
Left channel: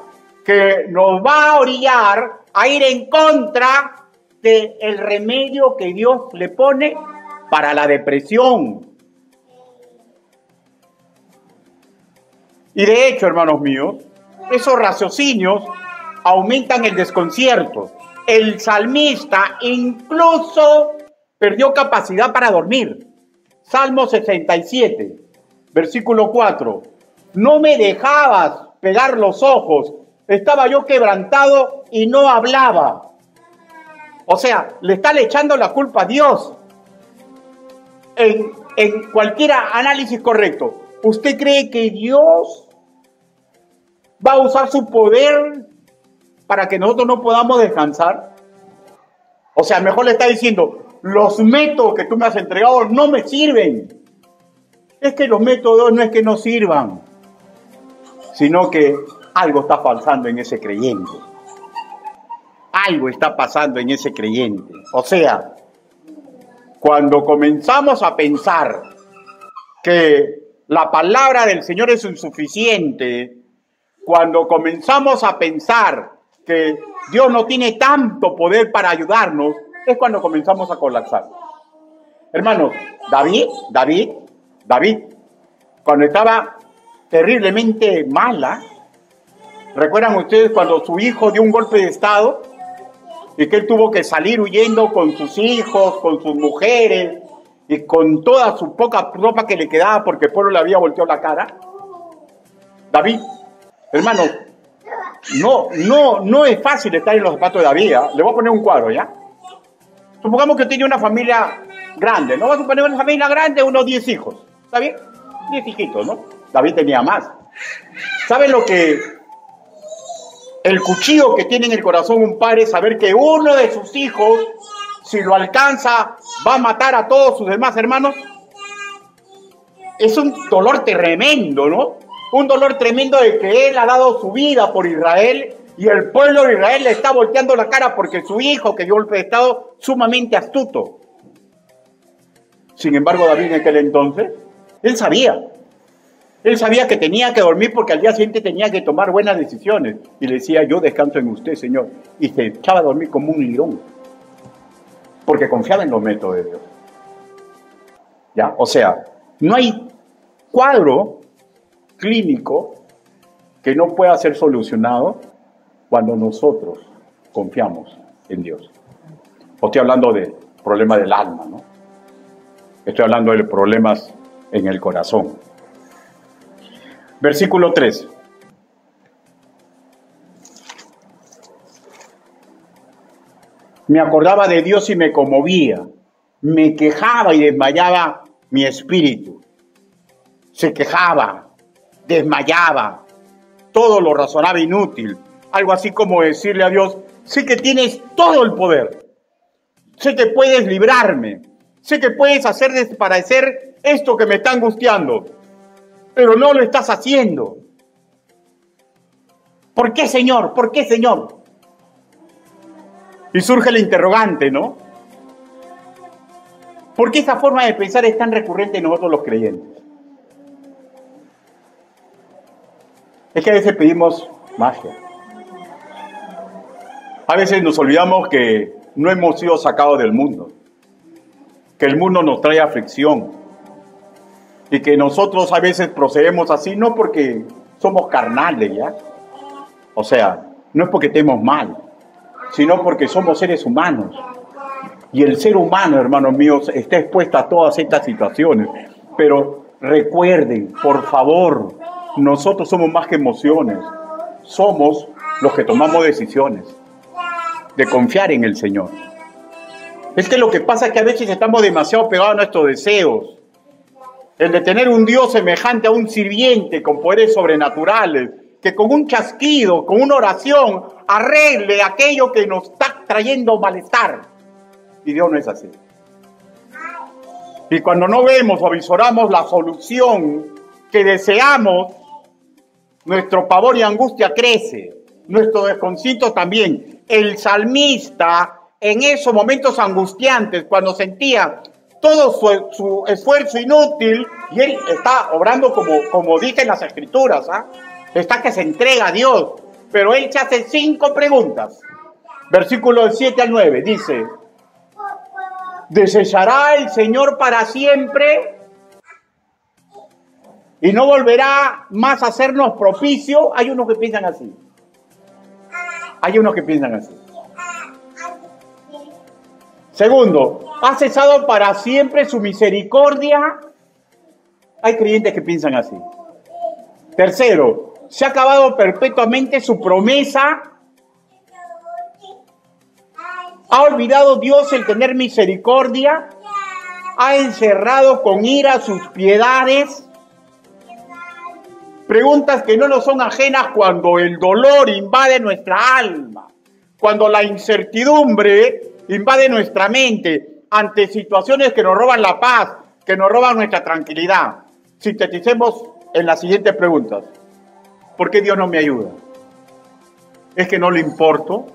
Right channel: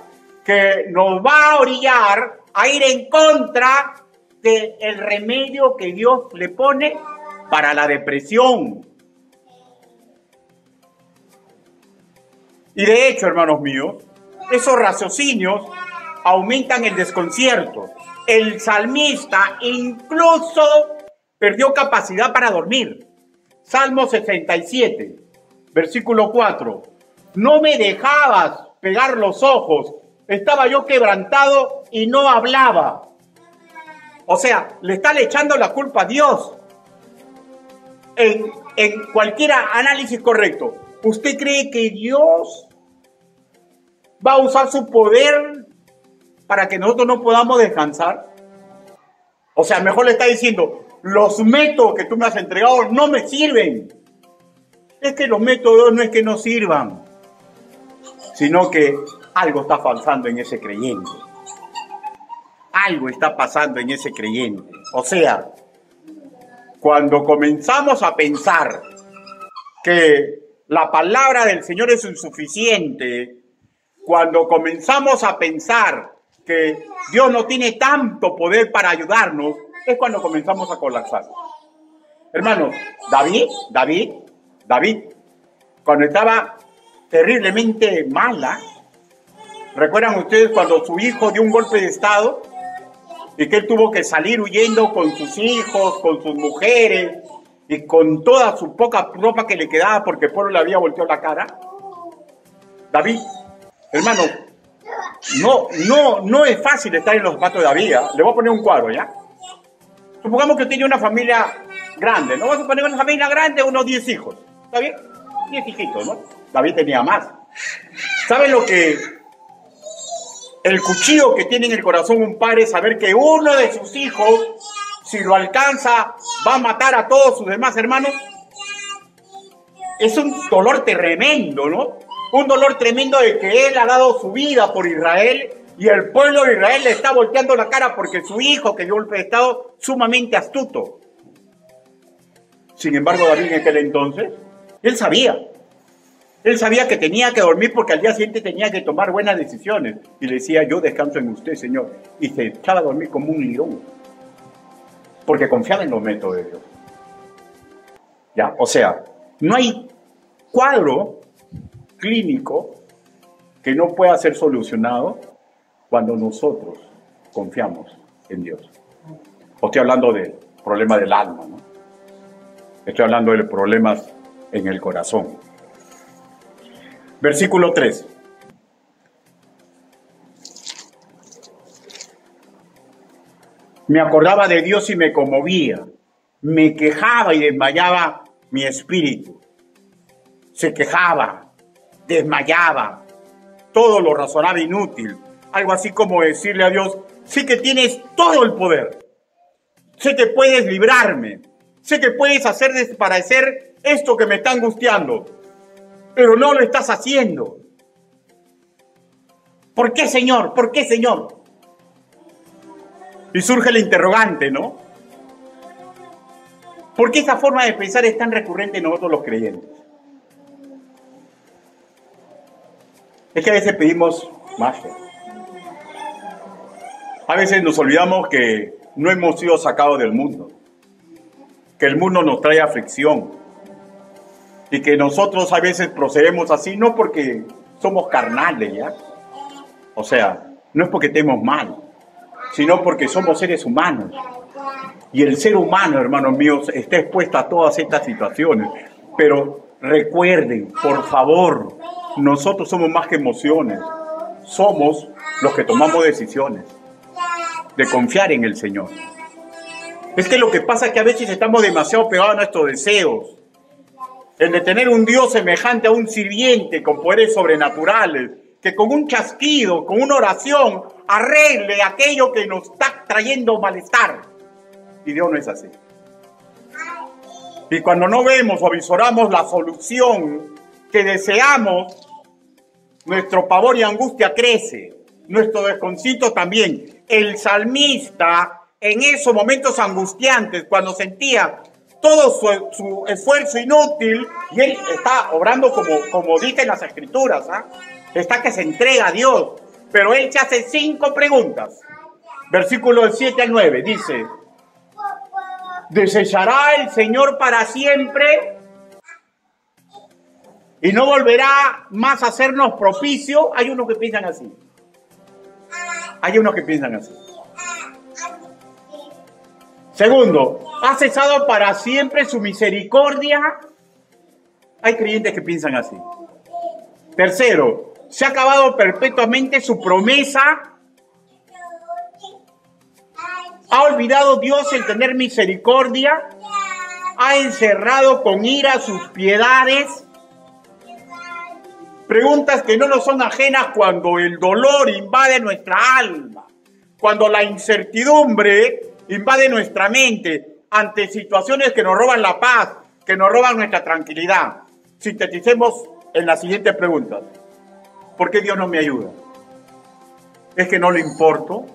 que nos va a orillar a ir en contra del remedio que Dios le pone para la depresión. Y de hecho, hermanos míos, esos raciocinios aumentan el desconcierto. El salmista incluso perdió capacidad para dormir. Salmo 67, versículo 4. no me dejabas pegar los ojos, estaba yo quebrantado y no hablaba. O sea, le está echando la culpa a Dios. En cualquier análisis correcto, ¿usted cree que Dios va a usar su poder para que nosotros no podamos descansar? O sea, mejor le está diciendo, los métodos que tú me has entregado no me sirven. Es que los métodos no es que no sirvan, sino que algo está pasando en ese creyente. Algo está pasando en ese creyente. O sea, cuando comenzamos a pensar que la palabra del Señor es insuficiente, cuando comenzamos a pensar que Dios no tiene tanto poder para ayudarnos, es cuando comenzamos a colapsar. Hermanos, David, cuando estaba terriblemente mala, ¿recuerdan ustedes cuando su hijo dio un golpe de estado y que él tuvo que salir huyendo con sus hijos, con sus mujeres y con toda su poca ropa que le quedaba porque el pueblo le había volteado la cara? David, hermanos, no es fácil estar en los zapatos de David, ¿eh? Le voy a poner un cuadro, ¿ya? Supongamos que tiene una familia grande, ¿no? Vamos a poner una familia grande, unos 10 hijos, ¿está bien? 10 hijitos, ¿no? David tenía más. ¿Saben lo que el cuchillo que tiene en el corazón un padre es saber que uno de sus hijos, si lo alcanza, va a matar a todos sus demás hermanos? Es un dolor tremendo, ¿no? Un dolor tremendo de que él ha dado su vida por Israel y el pueblo de Israel le está volteando la cara porque su hijo que dio golpe de estado sumamente astuto. Sin embargo, David en aquel entonces, él sabía que tenía que dormir porque al día siguiente tenía que tomar buenas decisiones. Y le decía, yo descanso en usted, Señor. Y se echaba a dormir como un león. Porque confiaba en los métodos de Dios. ¿Ya? O sea, no hay cuadro clínico que no pueda ser solucionado cuando nosotros confiamos en Dios. O estoy hablando de problemas del alma, ¿no? Estoy hablando de problemas en el corazón. Versículo 3. Me acordaba de Dios y me conmovía. Me quejaba y desmayaba mi espíritu. Se quejaba, desmayaba. Todo lo razonaba inútil. Algo así como decirle a Dios, sé que tienes todo el poder. Sé que puedes librarme. Sé que puedes hacer desaparecer esto que me está angustiando. Pero no lo estás haciendo. ¿Por qué, Señor? ¿Por qué, Señor? Y surge el interrogante, ¿no? ¿Por qué esa forma de pensar es tan recurrente en nosotros los creyentes? Es que a veces pedimos más fe. A veces nos olvidamos que no hemos sido sacados del mundo. Que el mundo nos trae aflicción. Y que nosotros a veces procedemos así, no porque somos carnales, ¿ya? O sea, no es porque estemos mal, sino porque somos seres humanos. Y el ser humano, hermanos míos, está expuesto a todas estas situaciones. Pero recuerden, por favor, nosotros somos más que emociones. Somos los que tomamos decisiones de confiar en el Señor. Es que lo que pasa es que a veces estamos demasiado pegados a nuestros deseos. El de tener un Dios semejante a un sirviente con poderes sobrenaturales, que con un chasquido, con una oración, arregle aquello que nos está trayendo malestar. Y Dios no es así. Y cuando no vemos o avisoramos la solución que deseamos, nuestro pavor y angustia crece, nuestro desconcierto también. El salmista, en esos momentos angustiantes, cuando sentía todo su esfuerzo inútil, y él está obrando como dicen las escrituras, ¿ah? Está que se entrega a Dios, pero él se hace 5 preguntas. Versículo del 7 al 9, dice, ¿desechará el Señor para siempre? ¿Y no volverá más a hacernos propicio? Hay unos que piensan así. Segundo, ¿ha cesado para siempre su misericordia? Hay creyentes que piensan así. Tercero, se ha acabado perpetuamente su promesa. ¿Ha olvidado Dios el tener misericordia? ¿Ha encerrado con ira sus piedades? Preguntas que no nos son ajenas cuando el dolor invade nuestra alma, cuando la incertidumbre invade nuestra mente ante situaciones que nos roban la paz, que nos roban nuestra tranquilidad. Sinteticemos en las siguientes preguntas. ¿Por qué Dios no me ayuda? ¿Es que no le importo?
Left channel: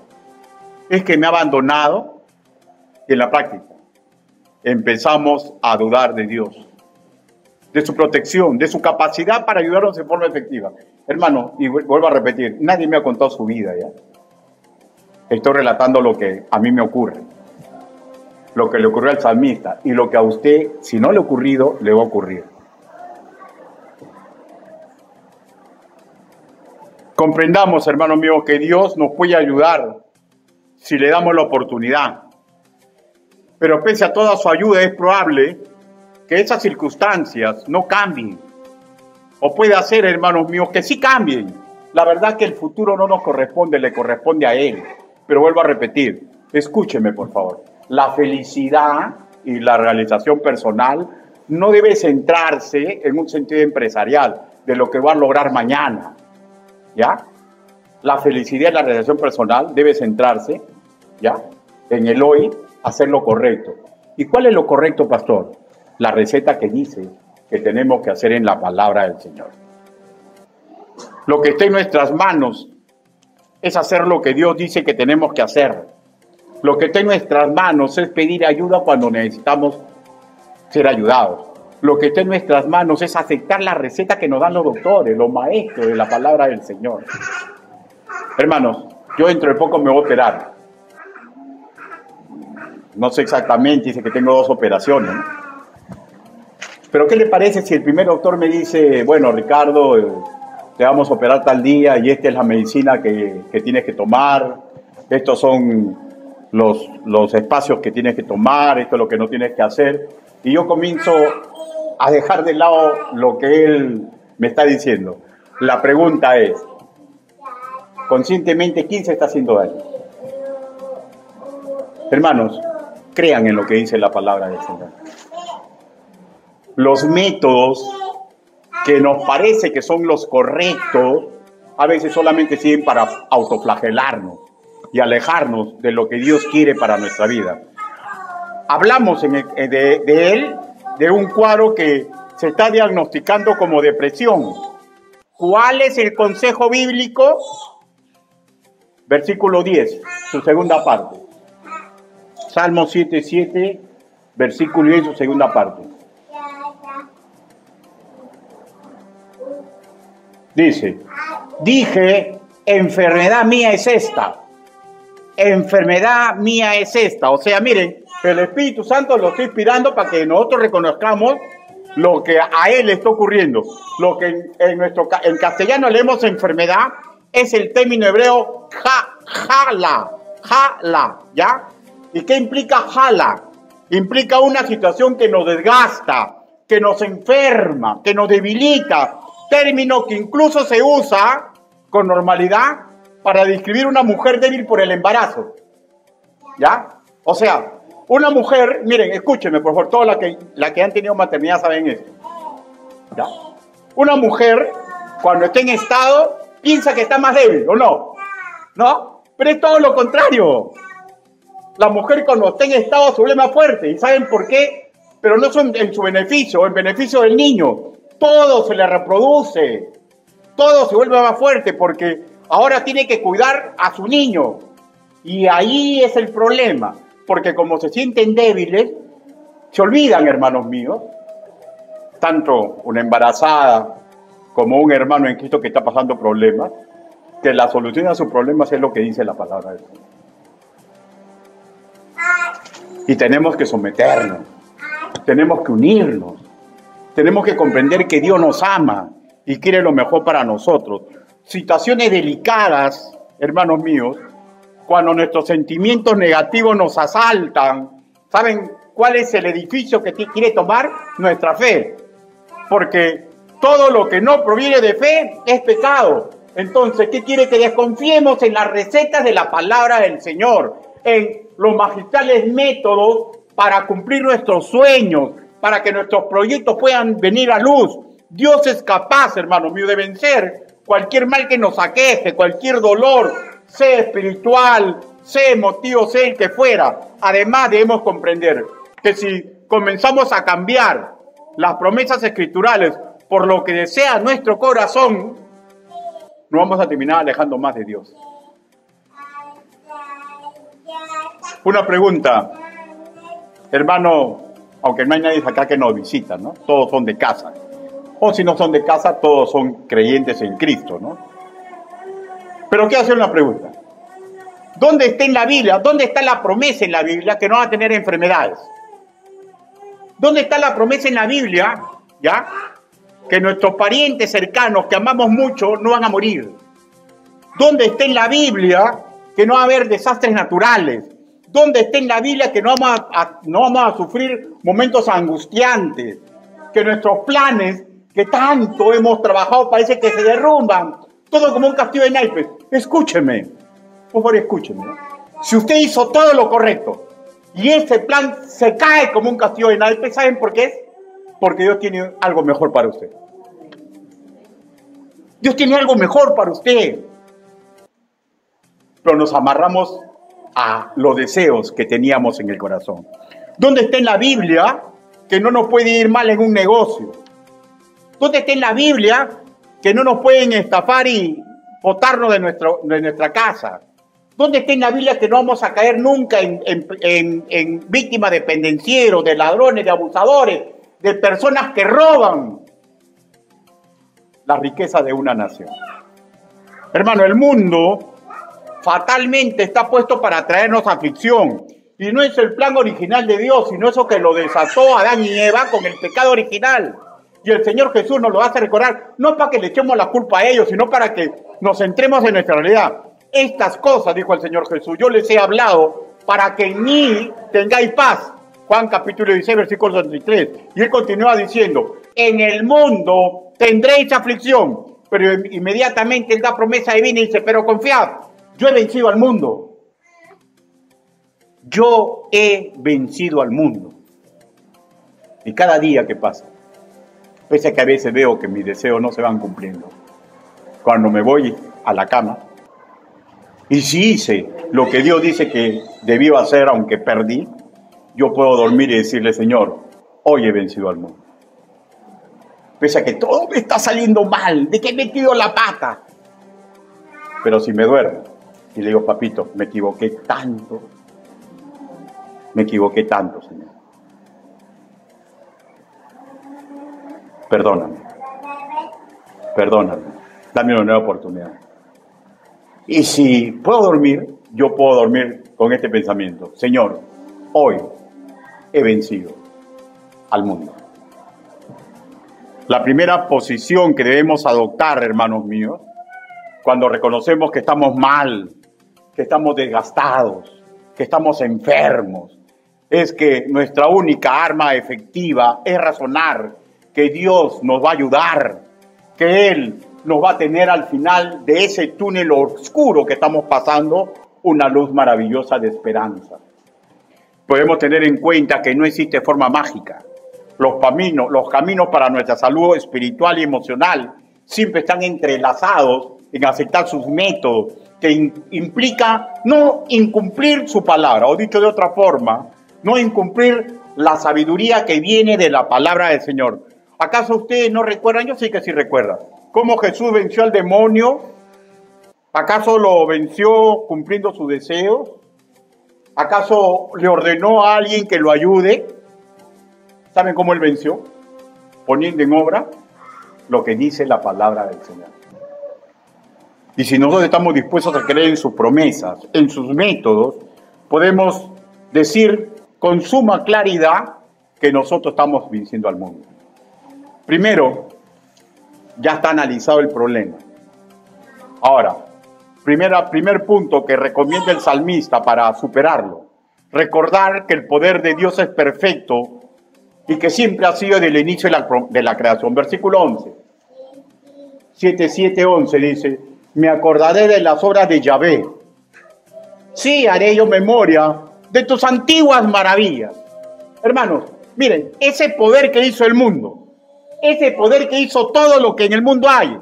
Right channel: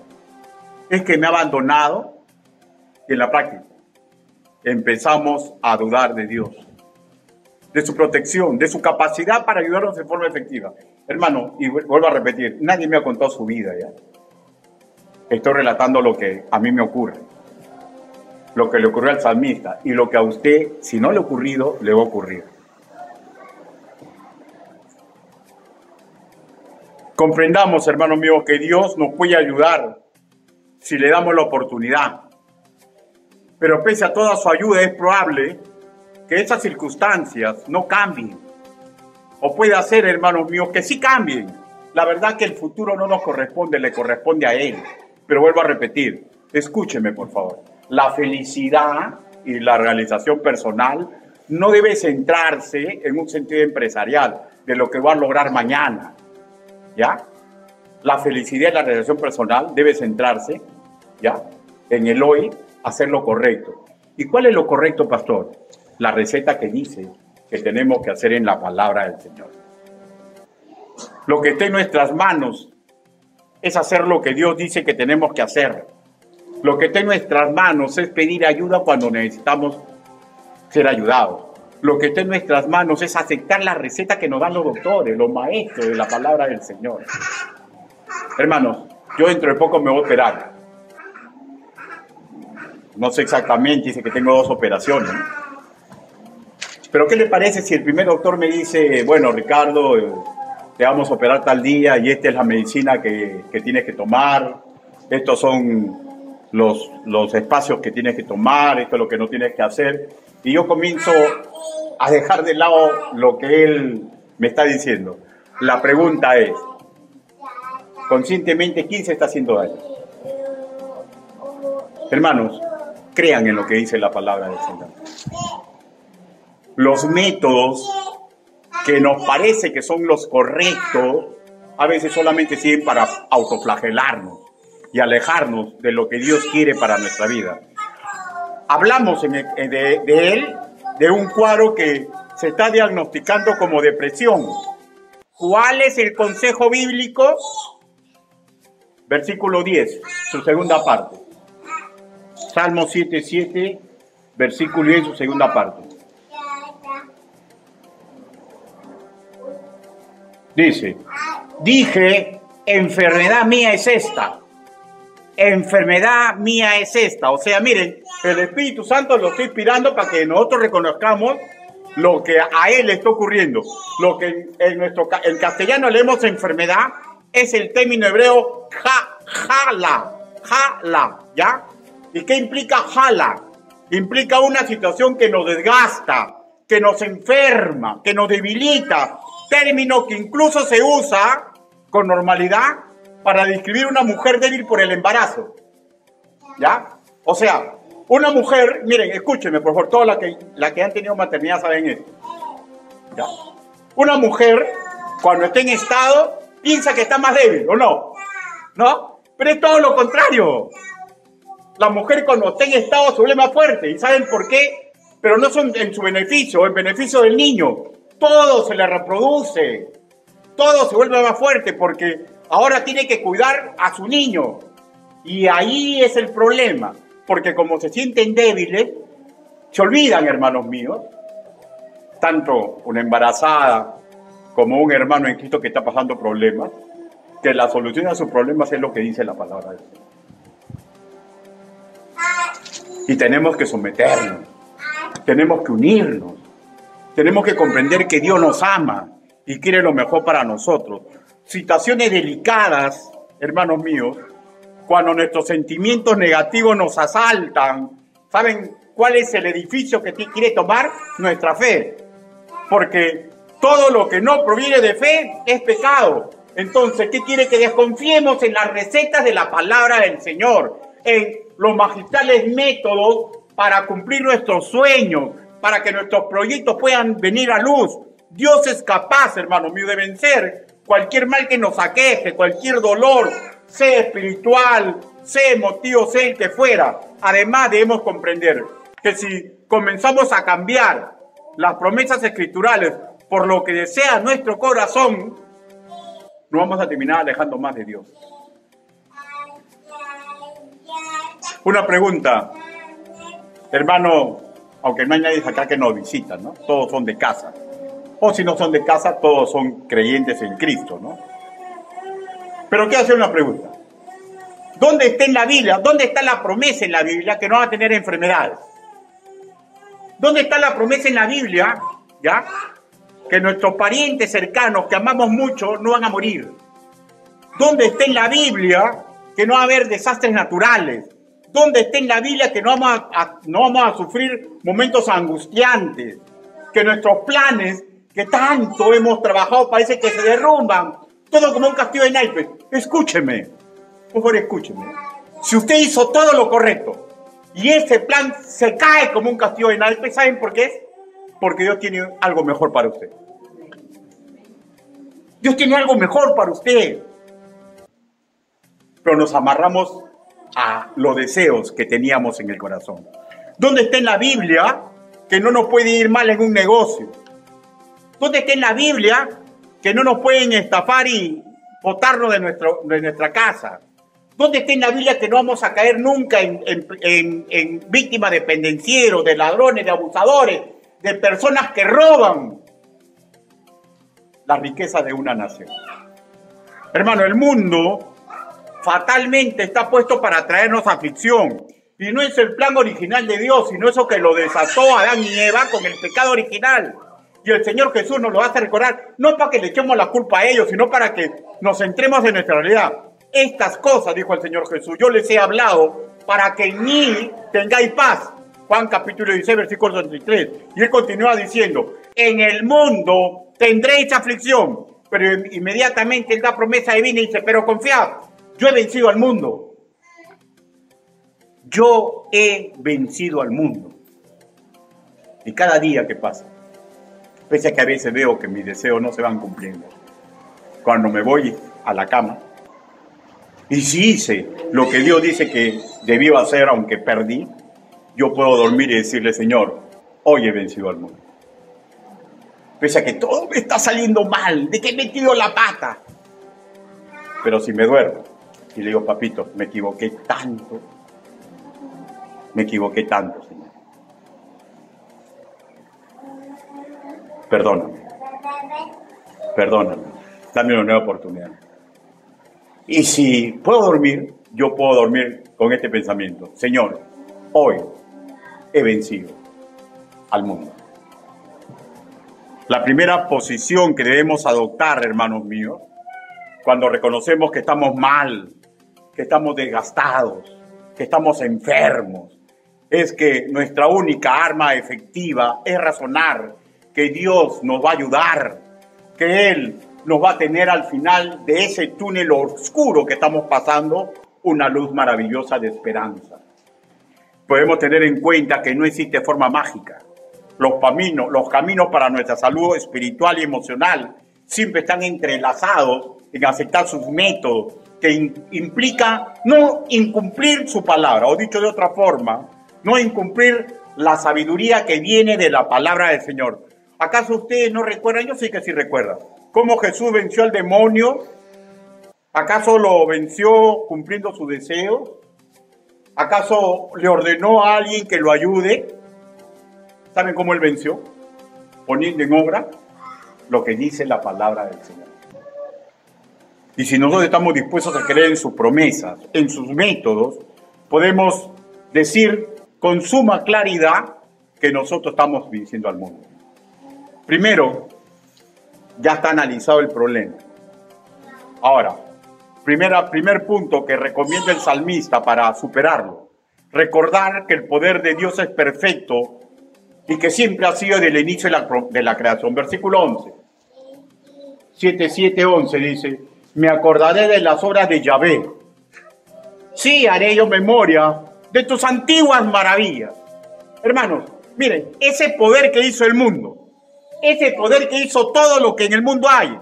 ¿Es que me ha abandonado? Y en la práctica empezamos a dudar de Dios, de su protección, de su capacidad para ayudarnos de forma efectiva. Hermano, y vuelvo a repetir, nadie me ha contado su vida, ¿ya? Estoy relatando lo que a mí me ocurre, lo que le ocurrió al salmista, y lo que a usted, si no le ha ocurrido, le va a ocurrir. Comprendamos, hermanos míos, que Dios nos puede ayudar si le damos la oportunidad. Pero pese a toda su ayuda, es probable que esas circunstancias no cambien. O puede hacer, hermanos míos, que sí cambien. La verdad que el futuro no nos corresponde, le corresponde a Él. Pero vuelvo a repetir, escúcheme por favor. La felicidad y la realización personal no debe centrarse en un sentido empresarial de lo que va a lograr mañana. ¿Ya? La felicidad y la realización personal debe centrarse, ¿ya?, en el hoy, hacer lo correcto. ¿Y cuál es lo correcto, pastor? La receta que dice que tenemos que hacer en la palabra del Señor. Lo que está en nuestras manos es hacer lo que Dios dice que tenemos que hacer. Lo que está en nuestras manos es pedir ayuda cuando necesitamos ser ayudados. Lo que está en nuestras manos es aceptar la receta que nos dan los doctores, los maestros de la palabra del Señor. Hermanos, yo dentro de poco me voy a operar. No sé exactamente, dice que tengo 2 operaciones. Pero ¿qué le parece si el primer doctor me dice, bueno, Ricardo, te vamos a operar tal día y esta es la medicina que tienes que tomar, estos son los espacios que tienes que tomar, esto es lo que no tienes que hacer? Y yo comienzo a dejar de lado lo que él me está diciendo. La pregunta es, conscientemente, ¿quién se está haciendo daño? Hermanos, crean en lo que dice la palabra del Señor. Los métodos que nos parece que son los correctos, a veces solamente sirven para autoflagelarnos y alejarnos de lo que Dios quiere para nuestra vida. Hablamos de él, de un cuadro que se está diagnosticando como depresión. ¿Cuál es el consejo bíblico? Versículo 10, su segunda parte. Salmo 7:7, versículo 10, su segunda parte. Dice, dije, enfermedad mía es esta. Enfermedad mía es esta. O sea, miren, el Espíritu Santo lo está inspirando para que nosotros reconozcamos lo que a Él le está ocurriendo. Lo que en castellano leemos enfermedad es el término hebreo jala, ¿ya? ¿Y qué implica jala? Implica una situación que nos desgasta, que nos enferma, que nos debilita. Término que incluso se usa con normalidad para describir una mujer débil por el embarazo. ¿Ya? O sea, una mujer, miren, escúchenme por favor, todas las que han tenido maternidad saben esto. ¿Ya? Una mujer, cuando está en estado, piensa que está más débil, ¿o no? ¿No? Pero es todo lo contrario. La mujer cuando está en estado se vuelve más fuerte. ¿Y saben por qué? Pero no son en su beneficio, en beneficio del niño. Todo se le reproduce. Todo se vuelve más fuerte porque ahora tiene que cuidar a su niño. Y ahí es el problema. Porque como se sienten débiles, se olvidan, hermanos míos, tanto una embarazada como un hermano en Cristo que está pasando problemas, que la solución a sus problemas es lo que dice la palabra de Dios. Y tenemos que someternos, tenemos que unirnos, tenemos que comprender que Dios nos ama y quiere lo mejor para nosotros. Situaciones delicadas, hermanos míos, cuando nuestros sentimientos negativos nos asaltan, ¿saben cuál es el edificio que quiere tomar? Nuestra fe. Porque Todo lo que no proviene de fe es pecado. Entonces, ¿qué quiere? Que desconfiemos en las recetas de la palabra del Señor, en los magistrales métodos para cumplir nuestros sueños, para que nuestros proyectos puedan venir a luz. Dios es capaz, hermano mío, de vencer cualquier mal que nos aqueje, cualquier dolor, sea espiritual, sea emotivo, sea el que fuera. Además, debemos comprender que si comenzamos a cambiar las promesas escriturales por lo que desea nuestro corazón, nos vamos a terminar alejando más de Dios. Una pregunta, hermano, aunque no hay nadie acá que nos visita, ¿no? Todos son de casa. O si no son de casa, todos son creyentes en Cristo, ¿no? Pero quiero hacer una pregunta. ¿Dónde está en la Biblia? ¿Dónde está la promesa en la Biblia que no van a tener enfermedades? ¿Dónde está la promesa en la Biblia, ya, que nuestros parientes cercanos que amamos mucho no van a morir? ¿Dónde está en la Biblia que no va a haber desastres naturales? ¿Dónde está en la Biblia que no vamos a sufrir momentos angustiantes? Que nuestros planes que tanto hemos trabajado parece que se derrumban. Todo como un castillo de naipes. Escúcheme, por favor, escúcheme. Si usted hizo todo lo correcto y ese plan se cae como un castillo de naipes, ¿saben por qué es? Porque Dios tiene algo mejor para usted. Dios tiene algo mejor para usted. Pero nos amarramos a los deseos que teníamos en el corazón. ¿Dónde está en la Biblia que no nos puede ir mal en un negocio? ¿Dónde está en la Biblia que no nos pueden estafar y botarnos de nuestra casa? ¿Dónde está en la Biblia que no vamos a caer nunca en víctimas de pendencieros, de ladrones, de abusadores, de personas que roban la riqueza de una nación? Hermano, el mundo fatalmente está puesto para traernos aflicción. Y no es el plan original de Dios, sino eso que lo desató Adán y Eva con el pecado original. Y el Señor Jesús nos lo hace recordar, no para que le echemos la culpa a ellos, sino para que nos centremos en nuestra realidad. Estas cosas, dijo el Señor Jesús, yo les he hablado para que en mí tengáis paz. Juan capítulo 16, versículo 33. Y él continúa diciendo, en el mundo tendréis aflicción. Pero inmediatamente él da promesa divina y dice, pero confiad, yo he vencido al mundo. Yo he vencido al mundo. Y cada día que pasa, pese a que a veces veo que mis deseos no se van cumpliendo, cuando me voy a la cama, y si hice lo que Dios dice que debió hacer, aunque perdí, yo puedo dormir y decirle, Señor, hoy he vencido al mundo. Pese a que todo me está saliendo mal, de que he metido la pata. Pero si me duermo y le digo, papito, me equivoqué tanto, Señor. Perdóname, dame una nueva oportunidad. Y si puedo dormir, yo puedo dormir con este pensamiento. Señor, hoy he vencido al mundo. La primera posición que debemos adoptar, hermanos míos, cuando reconocemos que estamos mal, que estamos desgastados, que estamos enfermos, es que nuestra única arma efectiva es razonar que Dios nos va a ayudar, que Él nos va a tener al final de ese túnel oscuro que estamos pasando una luz maravillosa de esperanza. Podemos tener en cuenta que no existe forma mágica. Los caminos para nuestra salud espiritual y emocional siempre están entrelazados en aceptar sus métodos, que implica no incumplir su palabra, o dicho de otra forma, no incumplir la sabiduría que viene de la palabra del Señor. ¿Acaso ustedes no recuerdan? Yo sí que sí recuerdan. ¿Cómo Jesús venció al demonio? ¿Acaso lo venció cumpliendo sus deseos? ¿Acaso le ordenó a alguien que lo ayude? ¿Saben cómo él venció? Poniendo en obra lo que dice la palabra del Señor. Y si nosotros estamos dispuestos a creer en sus promesas, en sus métodos, podemos decir con suma claridad que nosotros estamos venciendo al mundo. Primero, ya está analizado el problema. Ahora, primer punto que recomienda el salmista para superarlo. Recordar que el poder de Dios es perfecto y que siempre ha sido desde el inicio de la creación. Versículo 11. 7:11 dice, me acordaré de las obras de Yahvé. Sí, haré yo memoria de tus antiguas maravillas. Hermanos, miren, ese poder que hizo el mundo, ese poder que hizo todo lo que en el mundo hay,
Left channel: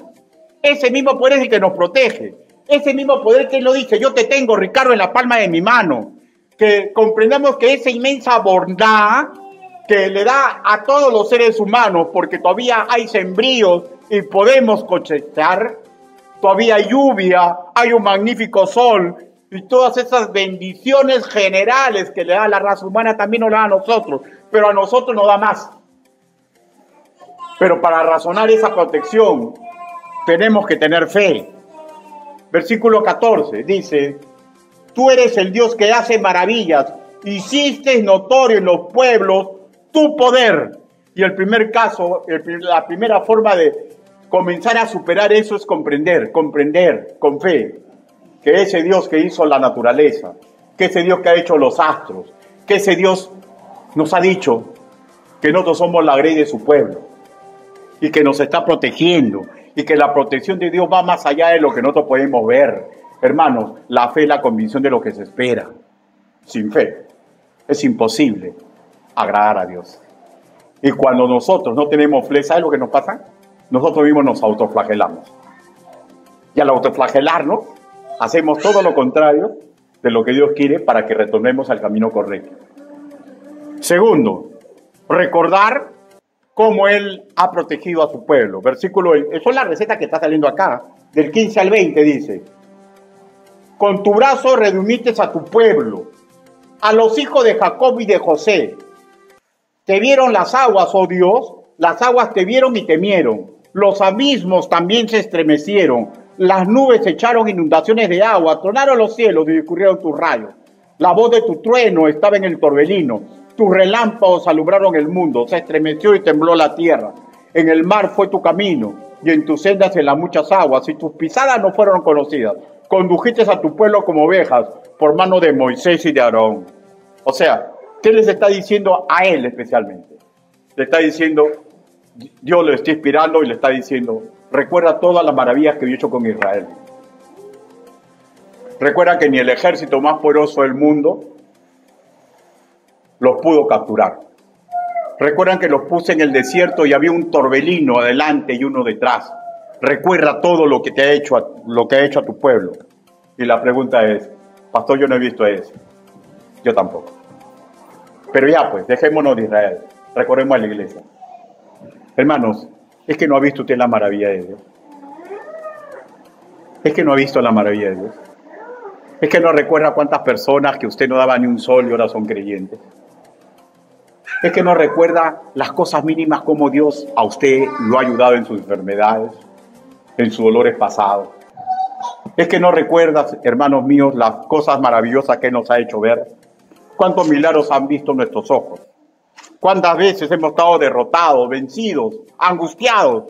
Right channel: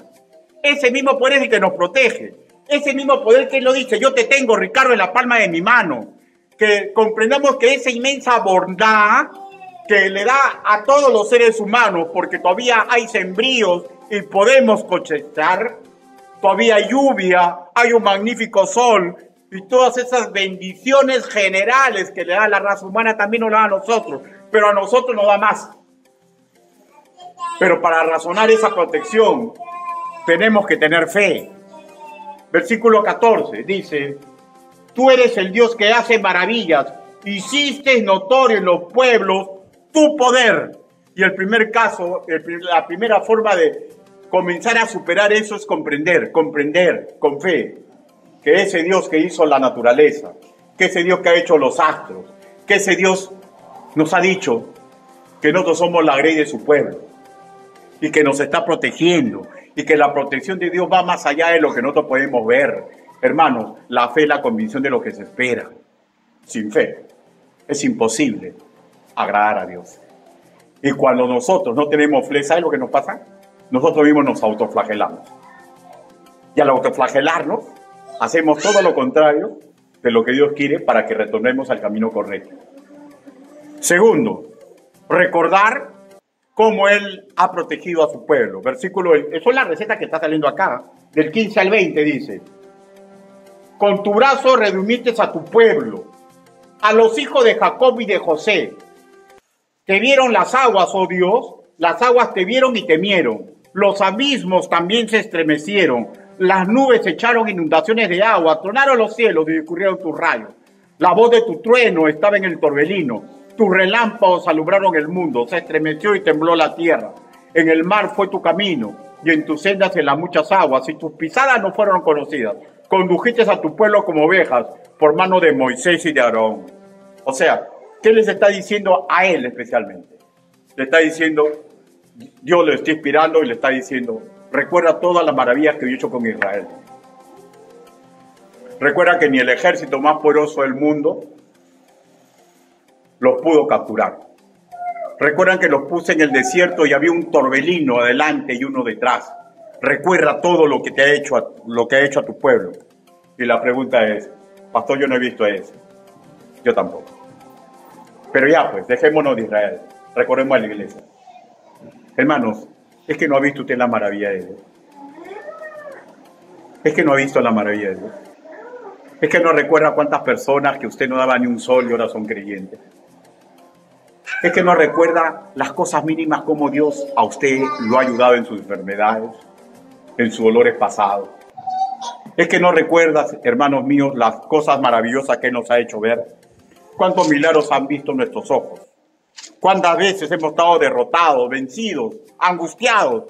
ese mismo poder es el que nos protege, ese mismo poder que él lo dice, yo te tengo, Ricardo, en la palma de mi mano, que comprendamos que esa inmensa bondad que le da a todos los seres humanos, porque todavía hay sembríos y podemos cosechar, todavía hay lluvia, hay un magnífico sol, y todas esas bendiciones generales que le da a la raza humana también nos da a nosotros, pero a nosotros nos da más. Pero para razonar esa protección tenemos que tener fe. Versículo 14 dice, tú eres el Dios que hace maravillas, hiciste notorio en los pueblos tu poder. Y el primer caso, la primera forma de comenzar a superar eso es comprender con fe que ese Dios que hizo la naturaleza, que ese Dios que ha hecho los astros, que ese Dios nos ha dicho que nosotros somos la grey de su pueblo y que nos está protegiendo y que la protección de Dios va más allá de lo que nosotros podemos ver. Hermanos, la fe es la convicción de lo que se espera. Sin fe es imposible agradar a Dios. Y cuando nosotros no tenemos fe, ¿sabes lo que nos pasa? Nosotros mismos nos autoflagelamos. Y al autoflagelarnos, hacemos todo lo contrario de lo que Dios quiere para que retornemos al camino correcto. Segundo, recordar cómo Él ha protegido a su pueblo. Versículo, eso es la receta que está saliendo acá, del 15 al 20 dice, con tu brazo redimiste a tu pueblo, a los hijos de Jacob y de José. Te vieron las aguas, oh Dios, las aguas te vieron y temieron. Los abismos también se estremecieron. Las nubes echaron inundaciones de agua, tronaron los cielos y discurrieron tus rayos. La voz de tu trueno estaba en el torbellino. Tus relámpagos alumbraron el mundo. Se estremeció y tembló la tierra. En el mar fue tu camino y en tus sendas en las muchas aguas. Y tus pisadas no fueron conocidas. Condujiste a tu pueblo como ovejas por mano de Moisés y de Aarón. O sea, ¿qué les está diciendo a él especialmente? Le está diciendo, Dios le está inspirando y le está diciendo, recuerda todas las maravillas que yo he hecho con Israel. Recuerda que ni el ejército más poderoso del mundo los pudo capturar. Recuerdan que los puse en el desierto y había un torbellino adelante y uno detrás. Recuerda todo lo que te ha hecho, a tu pueblo. Y la pregunta es, pastor, yo no he visto eso. Yo tampoco. Pero ya pues, dejémonos de Israel. Recordemos a la iglesia. Hermanos, es que no ha visto usted la maravilla de Dios. Es que no ha visto la maravilla de Dios. Es que no recuerda cuántas personas que usted no daba ni un sol y ahora son creyentes. Es que no recuerda las cosas mínimas como Dios a usted lo ha ayudado en sus enfermedades, en sus dolores pasados. Es que no recuerda, hermanos míos, las cosas maravillosas que Él nos ha hecho ver. ¿Cuántos milagros han visto nuestros ojos? ¿Cuántas veces hemos estado derrotados, vencidos, angustiados?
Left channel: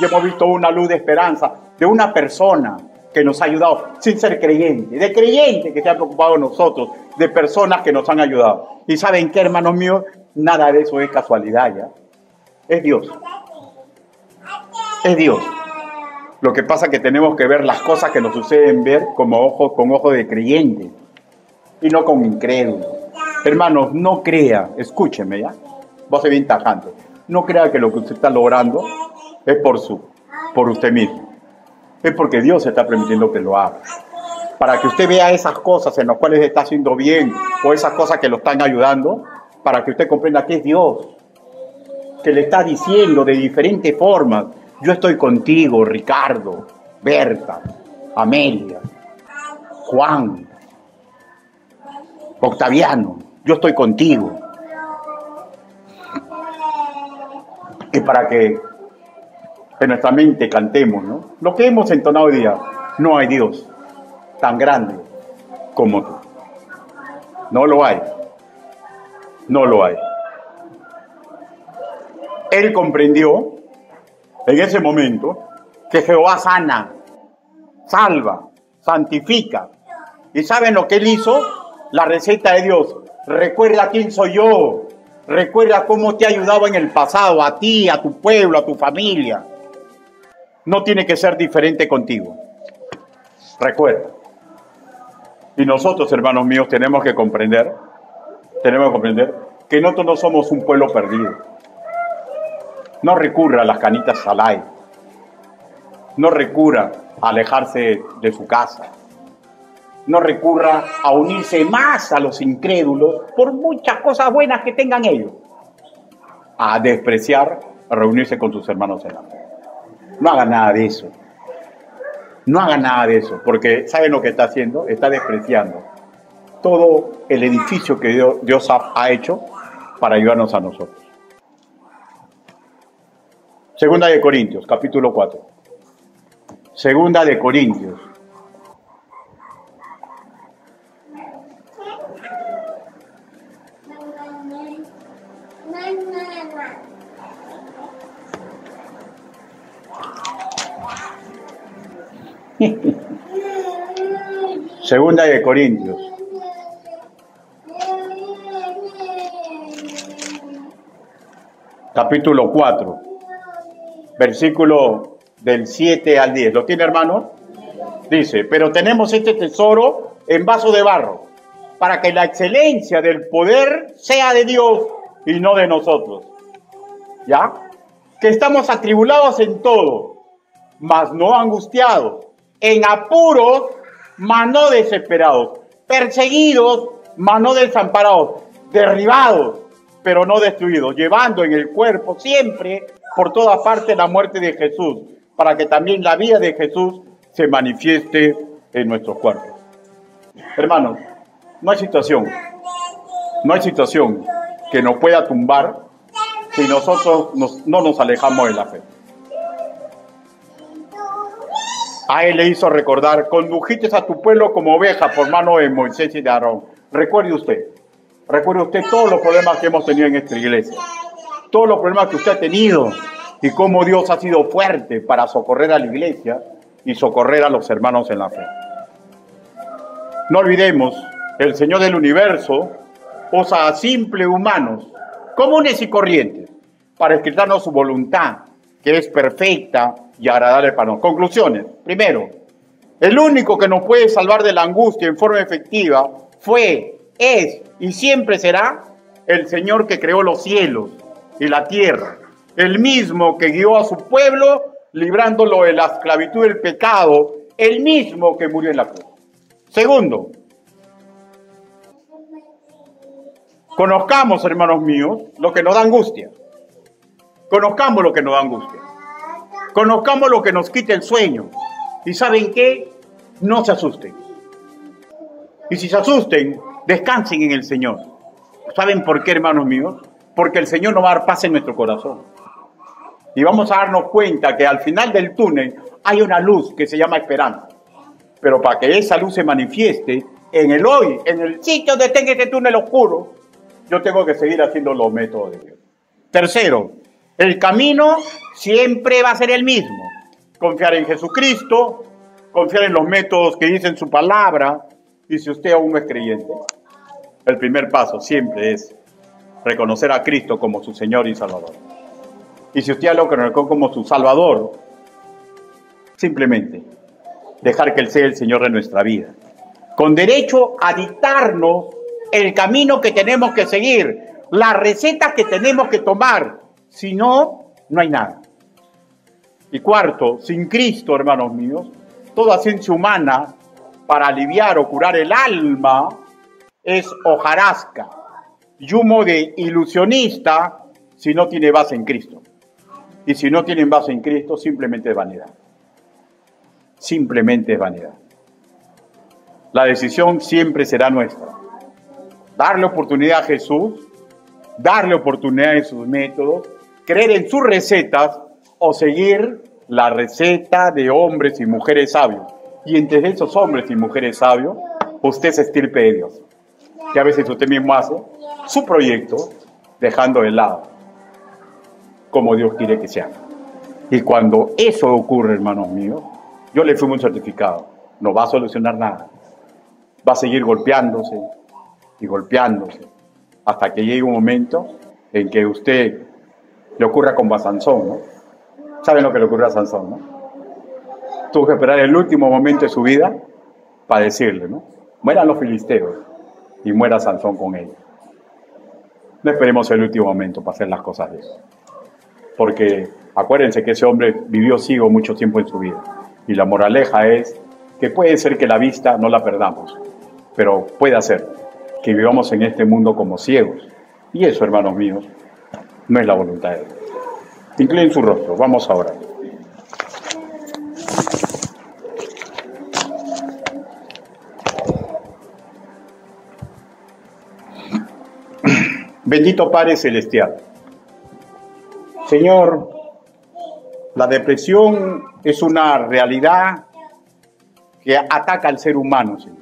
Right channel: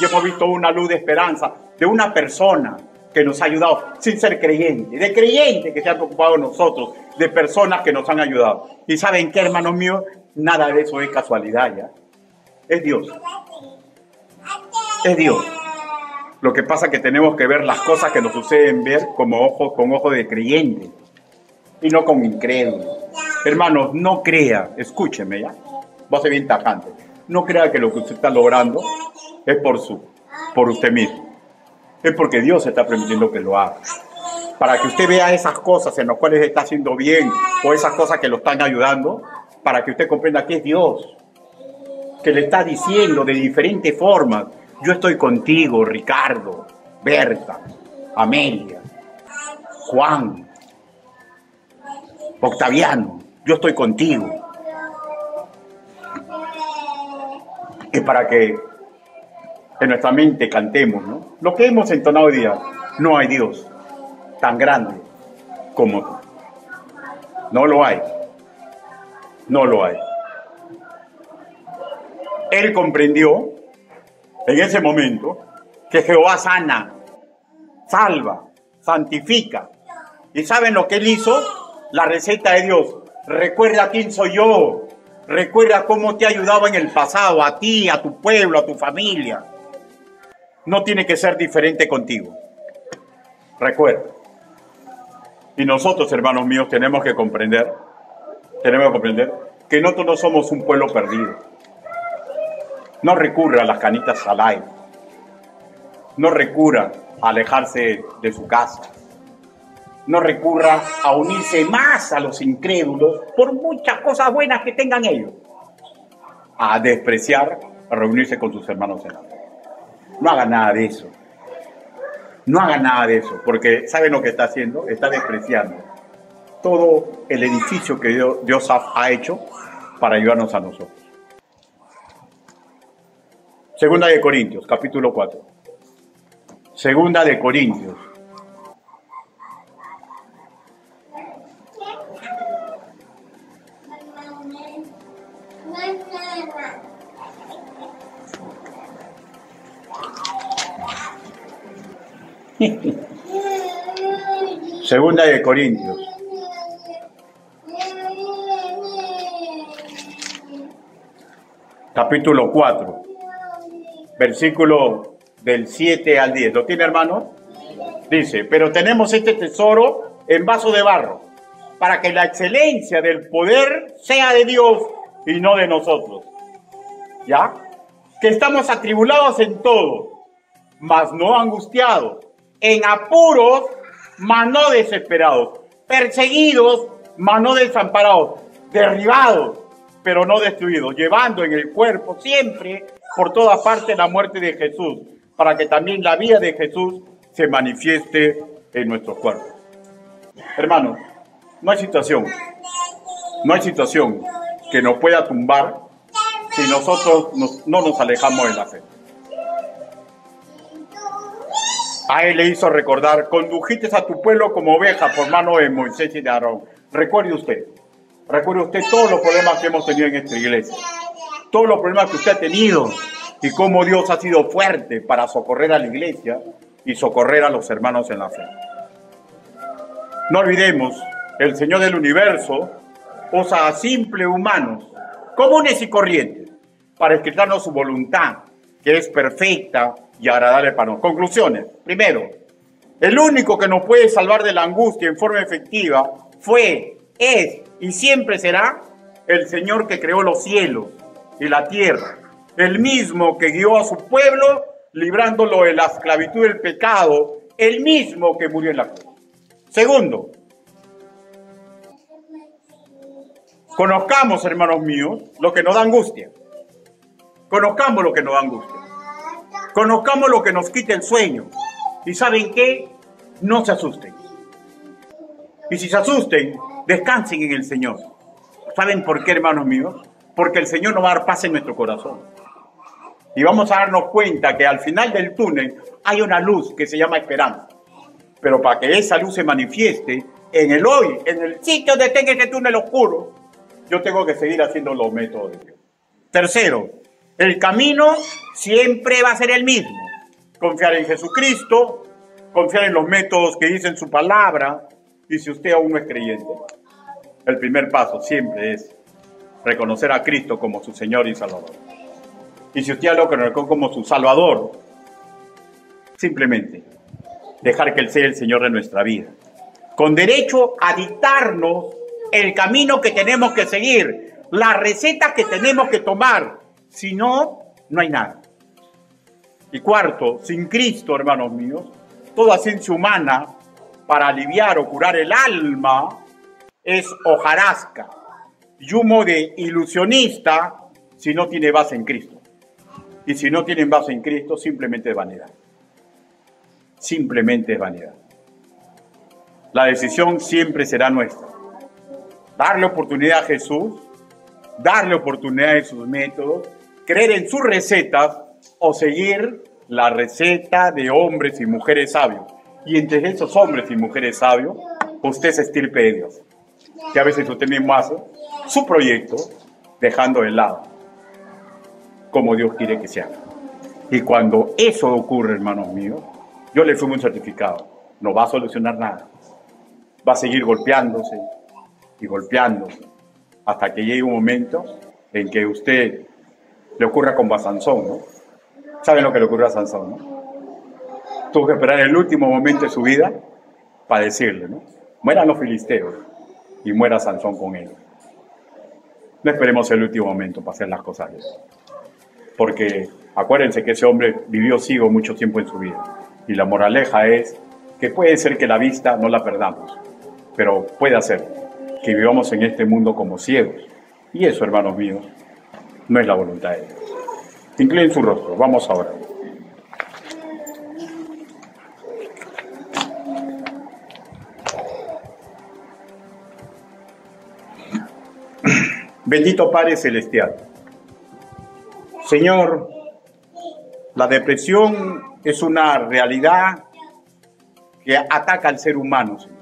Y hemos visto una luz de esperanza de una persona que nos ha ayudado sin ser creyente, de creyentes que se han preocupado de nosotros, de personas que nos han ayudado. ¿Y saben qué, hermanos míos? Nada de eso es casualidad, ¿ya? Es Dios. Es Dios. Lo que pasa es que tenemos que ver las cosas que nos suceden ver con ojos de creyente y no con incrédulo. Hermanos, no crea, escúcheme, ¿ya? Voy a ser bien tajante. No crea que lo que usted está logrando es por usted mismo. Es porque Dios está permitiendo que lo haga. Para que usted vea esas cosas en las cuales está haciendo bien o esas cosas que lo están ayudando, para que usted comprenda que es Dios, que le está diciendo de diferentes formas, yo estoy contigo, Ricardo, Berta, Amelia, Juan, Octaviano, yo estoy contigo. Y para que en nuestra mente cantemos, ¿no? Lo que hemos entonado hoy día, no hay Dios tan grande como tú. No lo hay. No lo hay. Él comprendió en ese momento que Jehová sana, salva, santifica. ¿Y saben lo que él hizo? La receta de Dios. Recuerda quién soy yo. Recuerda cómo te ha ayudado en el pasado, a ti, a tu pueblo, a tu familia. no tiene que ser diferente contigo. Recuerda. Y nosotros, hermanos míos, tenemos que comprender que nosotros no somos un pueblo perdido. No recurra a las canitas al aire. No recurra a alejarse de su casa. No recurra a unirse más a los incrédulos por muchas cosas buenas que tengan ellos. A despreciar, a reunirse con sus hermanos en la fe. No haga nada de eso. No haga nada de eso, porque ¿saben lo que está haciendo? Está despreciando todo el edificio que Dios ha hecho para ayudarnos a nosotros. Segunda de Corintios, capítulo 4. Segunda de Corintios. Segunda de Corintios. Capítulo 4. Versículo del 7 al 10. ¿Lo tiene, hermano? Dice, pero tenemos este tesoro en vaso de barro, para que la excelencia del poder sea de Dios y no de nosotros. ¿Ya? Que estamos atribulados en todo, mas no angustiados, en apuros, mas no desesperados, perseguidos, mas no desamparados, derribados, pero no destruidos, llevando en el cuerpo siempre por todas partes la muerte de Jesús, para que también la vida de Jesús se manifieste en nuestros cuerpos. Hermanos, no hay situación que nos pueda tumbar si nosotros no nos alejamos de la fe. A él le hizo recordar, condujiste a tu pueblo como oveja por mano de Moisés y de Aarón. Recuerde usted todos los problemas que hemos tenido en esta iglesia, todos los problemas que usted ha tenido y cómo Dios ha sido fuerte para socorrer a la iglesia y socorrer a los hermanos en la fe. No olvidemos, el Señor del universo usa a simples humanos, comunes y corrientes, para escribirnos su voluntad, que es perfecta y agradable para nosotros. Conclusiones. Primero, el único que nos puede salvar de la angustia en forma efectiva fue, es y siempre será el Señor que creó los cielos y la tierra, el mismo que guió a su pueblo librándolo de la esclavitud del pecado, el mismo que murió en la cruz. Segundo, conozcamos, hermanos míos, lo que nos da angustia. Conozcamos lo que nos da angustia. Conozcamos lo que nos quita el sueño. ¿Y saben qué? No se asusten. Y si se asusten, descansen en el Señor. ¿Saben por qué, hermanos míos? Porque el Señor nos va a dar paz en nuestro corazón. Y vamos a darnos cuenta que al final del túnel hay una luz que se llama esperanza. Pero para que esa luz se manifieste en el hoy, en el sitio donde tenga ese túnel oscuro, yo tengo que seguir haciendo los métodos de Dios. Tercero, el camino siempre va a ser el mismo. Confiar en Jesucristo, confiar en los métodos que dicen su palabra. Y si usted aún no es creyente, el primer paso siempre es reconocer a Cristo como su Señor y Salvador. Y si usted lo conoce como su Salvador, simplemente dejar que Él sea el Señor de nuestra vida, con derecho a dictarnos el camino que tenemos que seguir, las recetas que tenemos que tomar. Si no, no hay nada. Y cuarto, sin Cristo, hermanos míos, toda ciencia humana para aliviar o curar el alma es hojarasca y humo de ilusionista si no tiene base en Cristo. Y si no tienen base en Cristo, simplemente es vanidad. Simplemente es vanidad. La decisión siempre será nuestra. Darle oportunidad a Jesús, darle oportunidad a sus métodos, creer en sus recetas o seguir la receta de hombres y mujeres sabios. Y entre esos hombres y mujeres sabios, usted se estirpe de Dios. Que a veces usted mismo hace su proyecto dejando de lado como Dios quiere que se haga. Y cuando eso ocurre, hermanos míos, yo le firmo un certificado. No va a solucionar nada. Va a seguir golpeándose y golpeándose hasta que llegue un momento en que usted le ocurra como a Sansón, ¿no? ¿Saben lo que le ocurrió a Sansón, no? Tuvo que esperar el último momento de su vida para decirle, ¿no? Mueran los filisteos y muera Sansón con ellos. No esperemos el último momento para hacer las cosas bien. Porque acuérdense que ese hombre vivió ciego mucho tiempo en su vida. Y la moraleja es que puede ser que la vista no la perdamos, pero puede ser que vivamos en este mundo como ciegos. Y eso, hermanos míos, no es la voluntad de Dios. Inclinen su rostro, vamos a orar. Bendito Padre Celestial. Señor, la depresión es una realidad que ataca al ser humano, Señor.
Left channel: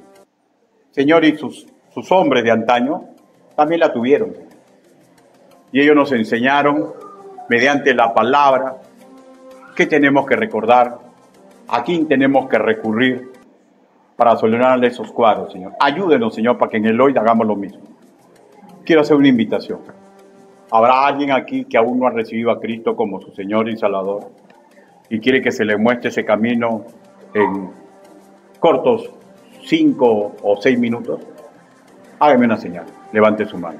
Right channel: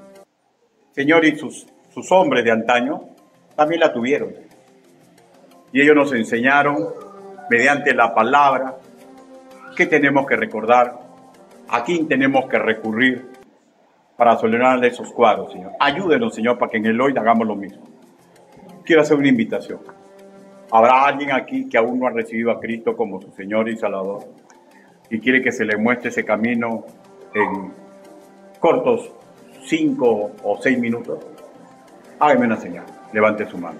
Señor, y sus hombres de antaño también la tuvieron. Y ellos nos enseñaron, mediante la palabra, qué tenemos que recordar, a quién tenemos que recurrir para solucionar esos cuadros, Señor. Ayúdenos, Señor, para que en el hoy hagamos lo mismo. Quiero hacer una invitación. ¿Habrá alguien aquí que aún no ha recibido a Cristo como su Señor y Salvador y quiere que se le muestre ese camino en cortos 5 o 6 minutos? Hágame una señal, levante su mano.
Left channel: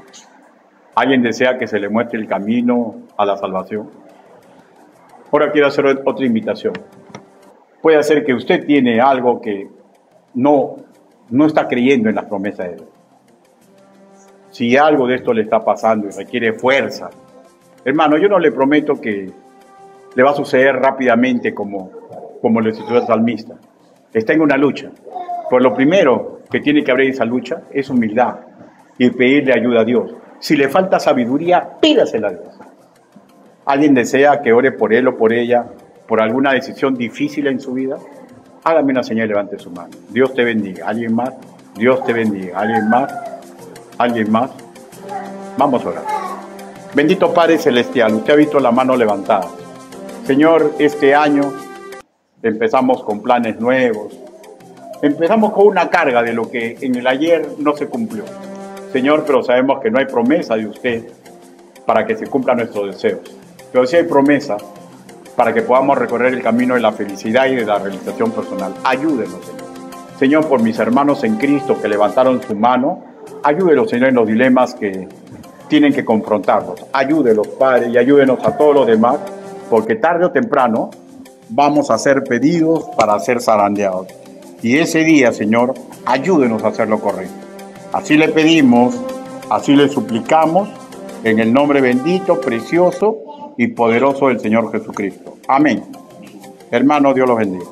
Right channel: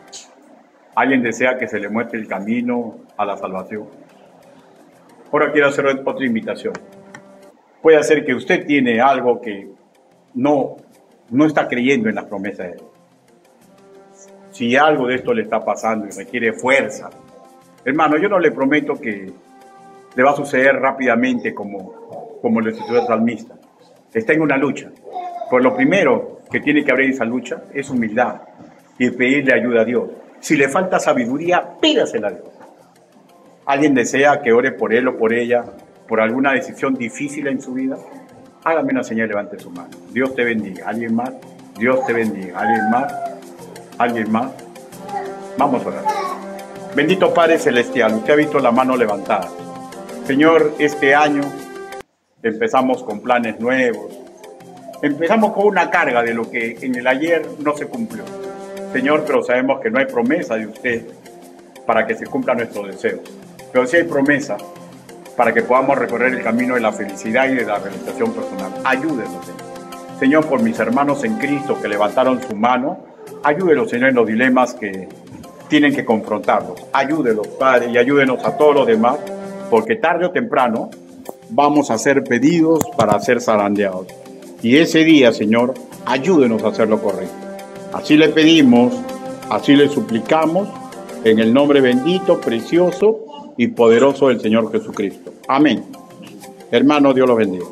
¿Alguien desea que se le muestre el camino a la salvación? Ahora quiero hacer otra invitación. Puede ser que usted tiene algo que no está creyendo en las promesas de Dios. Si algo de esto le está pasando y requiere fuerza, hermano, yo no le prometo que le va a suceder rápidamente como le sucedió al salmista. Está en una lucha. Por lo primero que tiene que abrir esa lucha es humildad y pedirle ayuda a Dios. Si le falta sabiduría, pídasela a Dios. ¿Alguien desea que ore por él o por ella por alguna decisión difícil en su vida? Hágame una señal, levante su mano. Dios te bendiga. ¿Alguien más? Dios te bendiga. ¿Alguien más? ¿Alguien más? Vamos a orar. Bendito Padre Celestial, usted ha visto la mano levantada. Señor, este año empezamos con planes nuevos. Empezamos con una carga de lo que en el ayer no se cumplió. Señor, pero sabemos que no hay promesa de usted para que se cumplan nuestros deseos. Pero sí hay promesa para que podamos recorrer el camino de la felicidad y de la realización personal. Ayúdenos, Señor. Señor, por mis hermanos en Cristo que levantaron su mano, ayúdenos, Señor, en los dilemas que tienen que confrontarlos. Ayúdenos, Padre, y ayúdenos a todos los demás, porque tarde o temprano vamos a ser pedidos para ser zarandeados. Y ese día, Señor, ayúdenos a hacer lo correcto. Así le pedimos, así le suplicamos, en el nombre bendito, precioso y poderoso del Señor Jesucristo. Amén. Hermano, Dios los bendiga.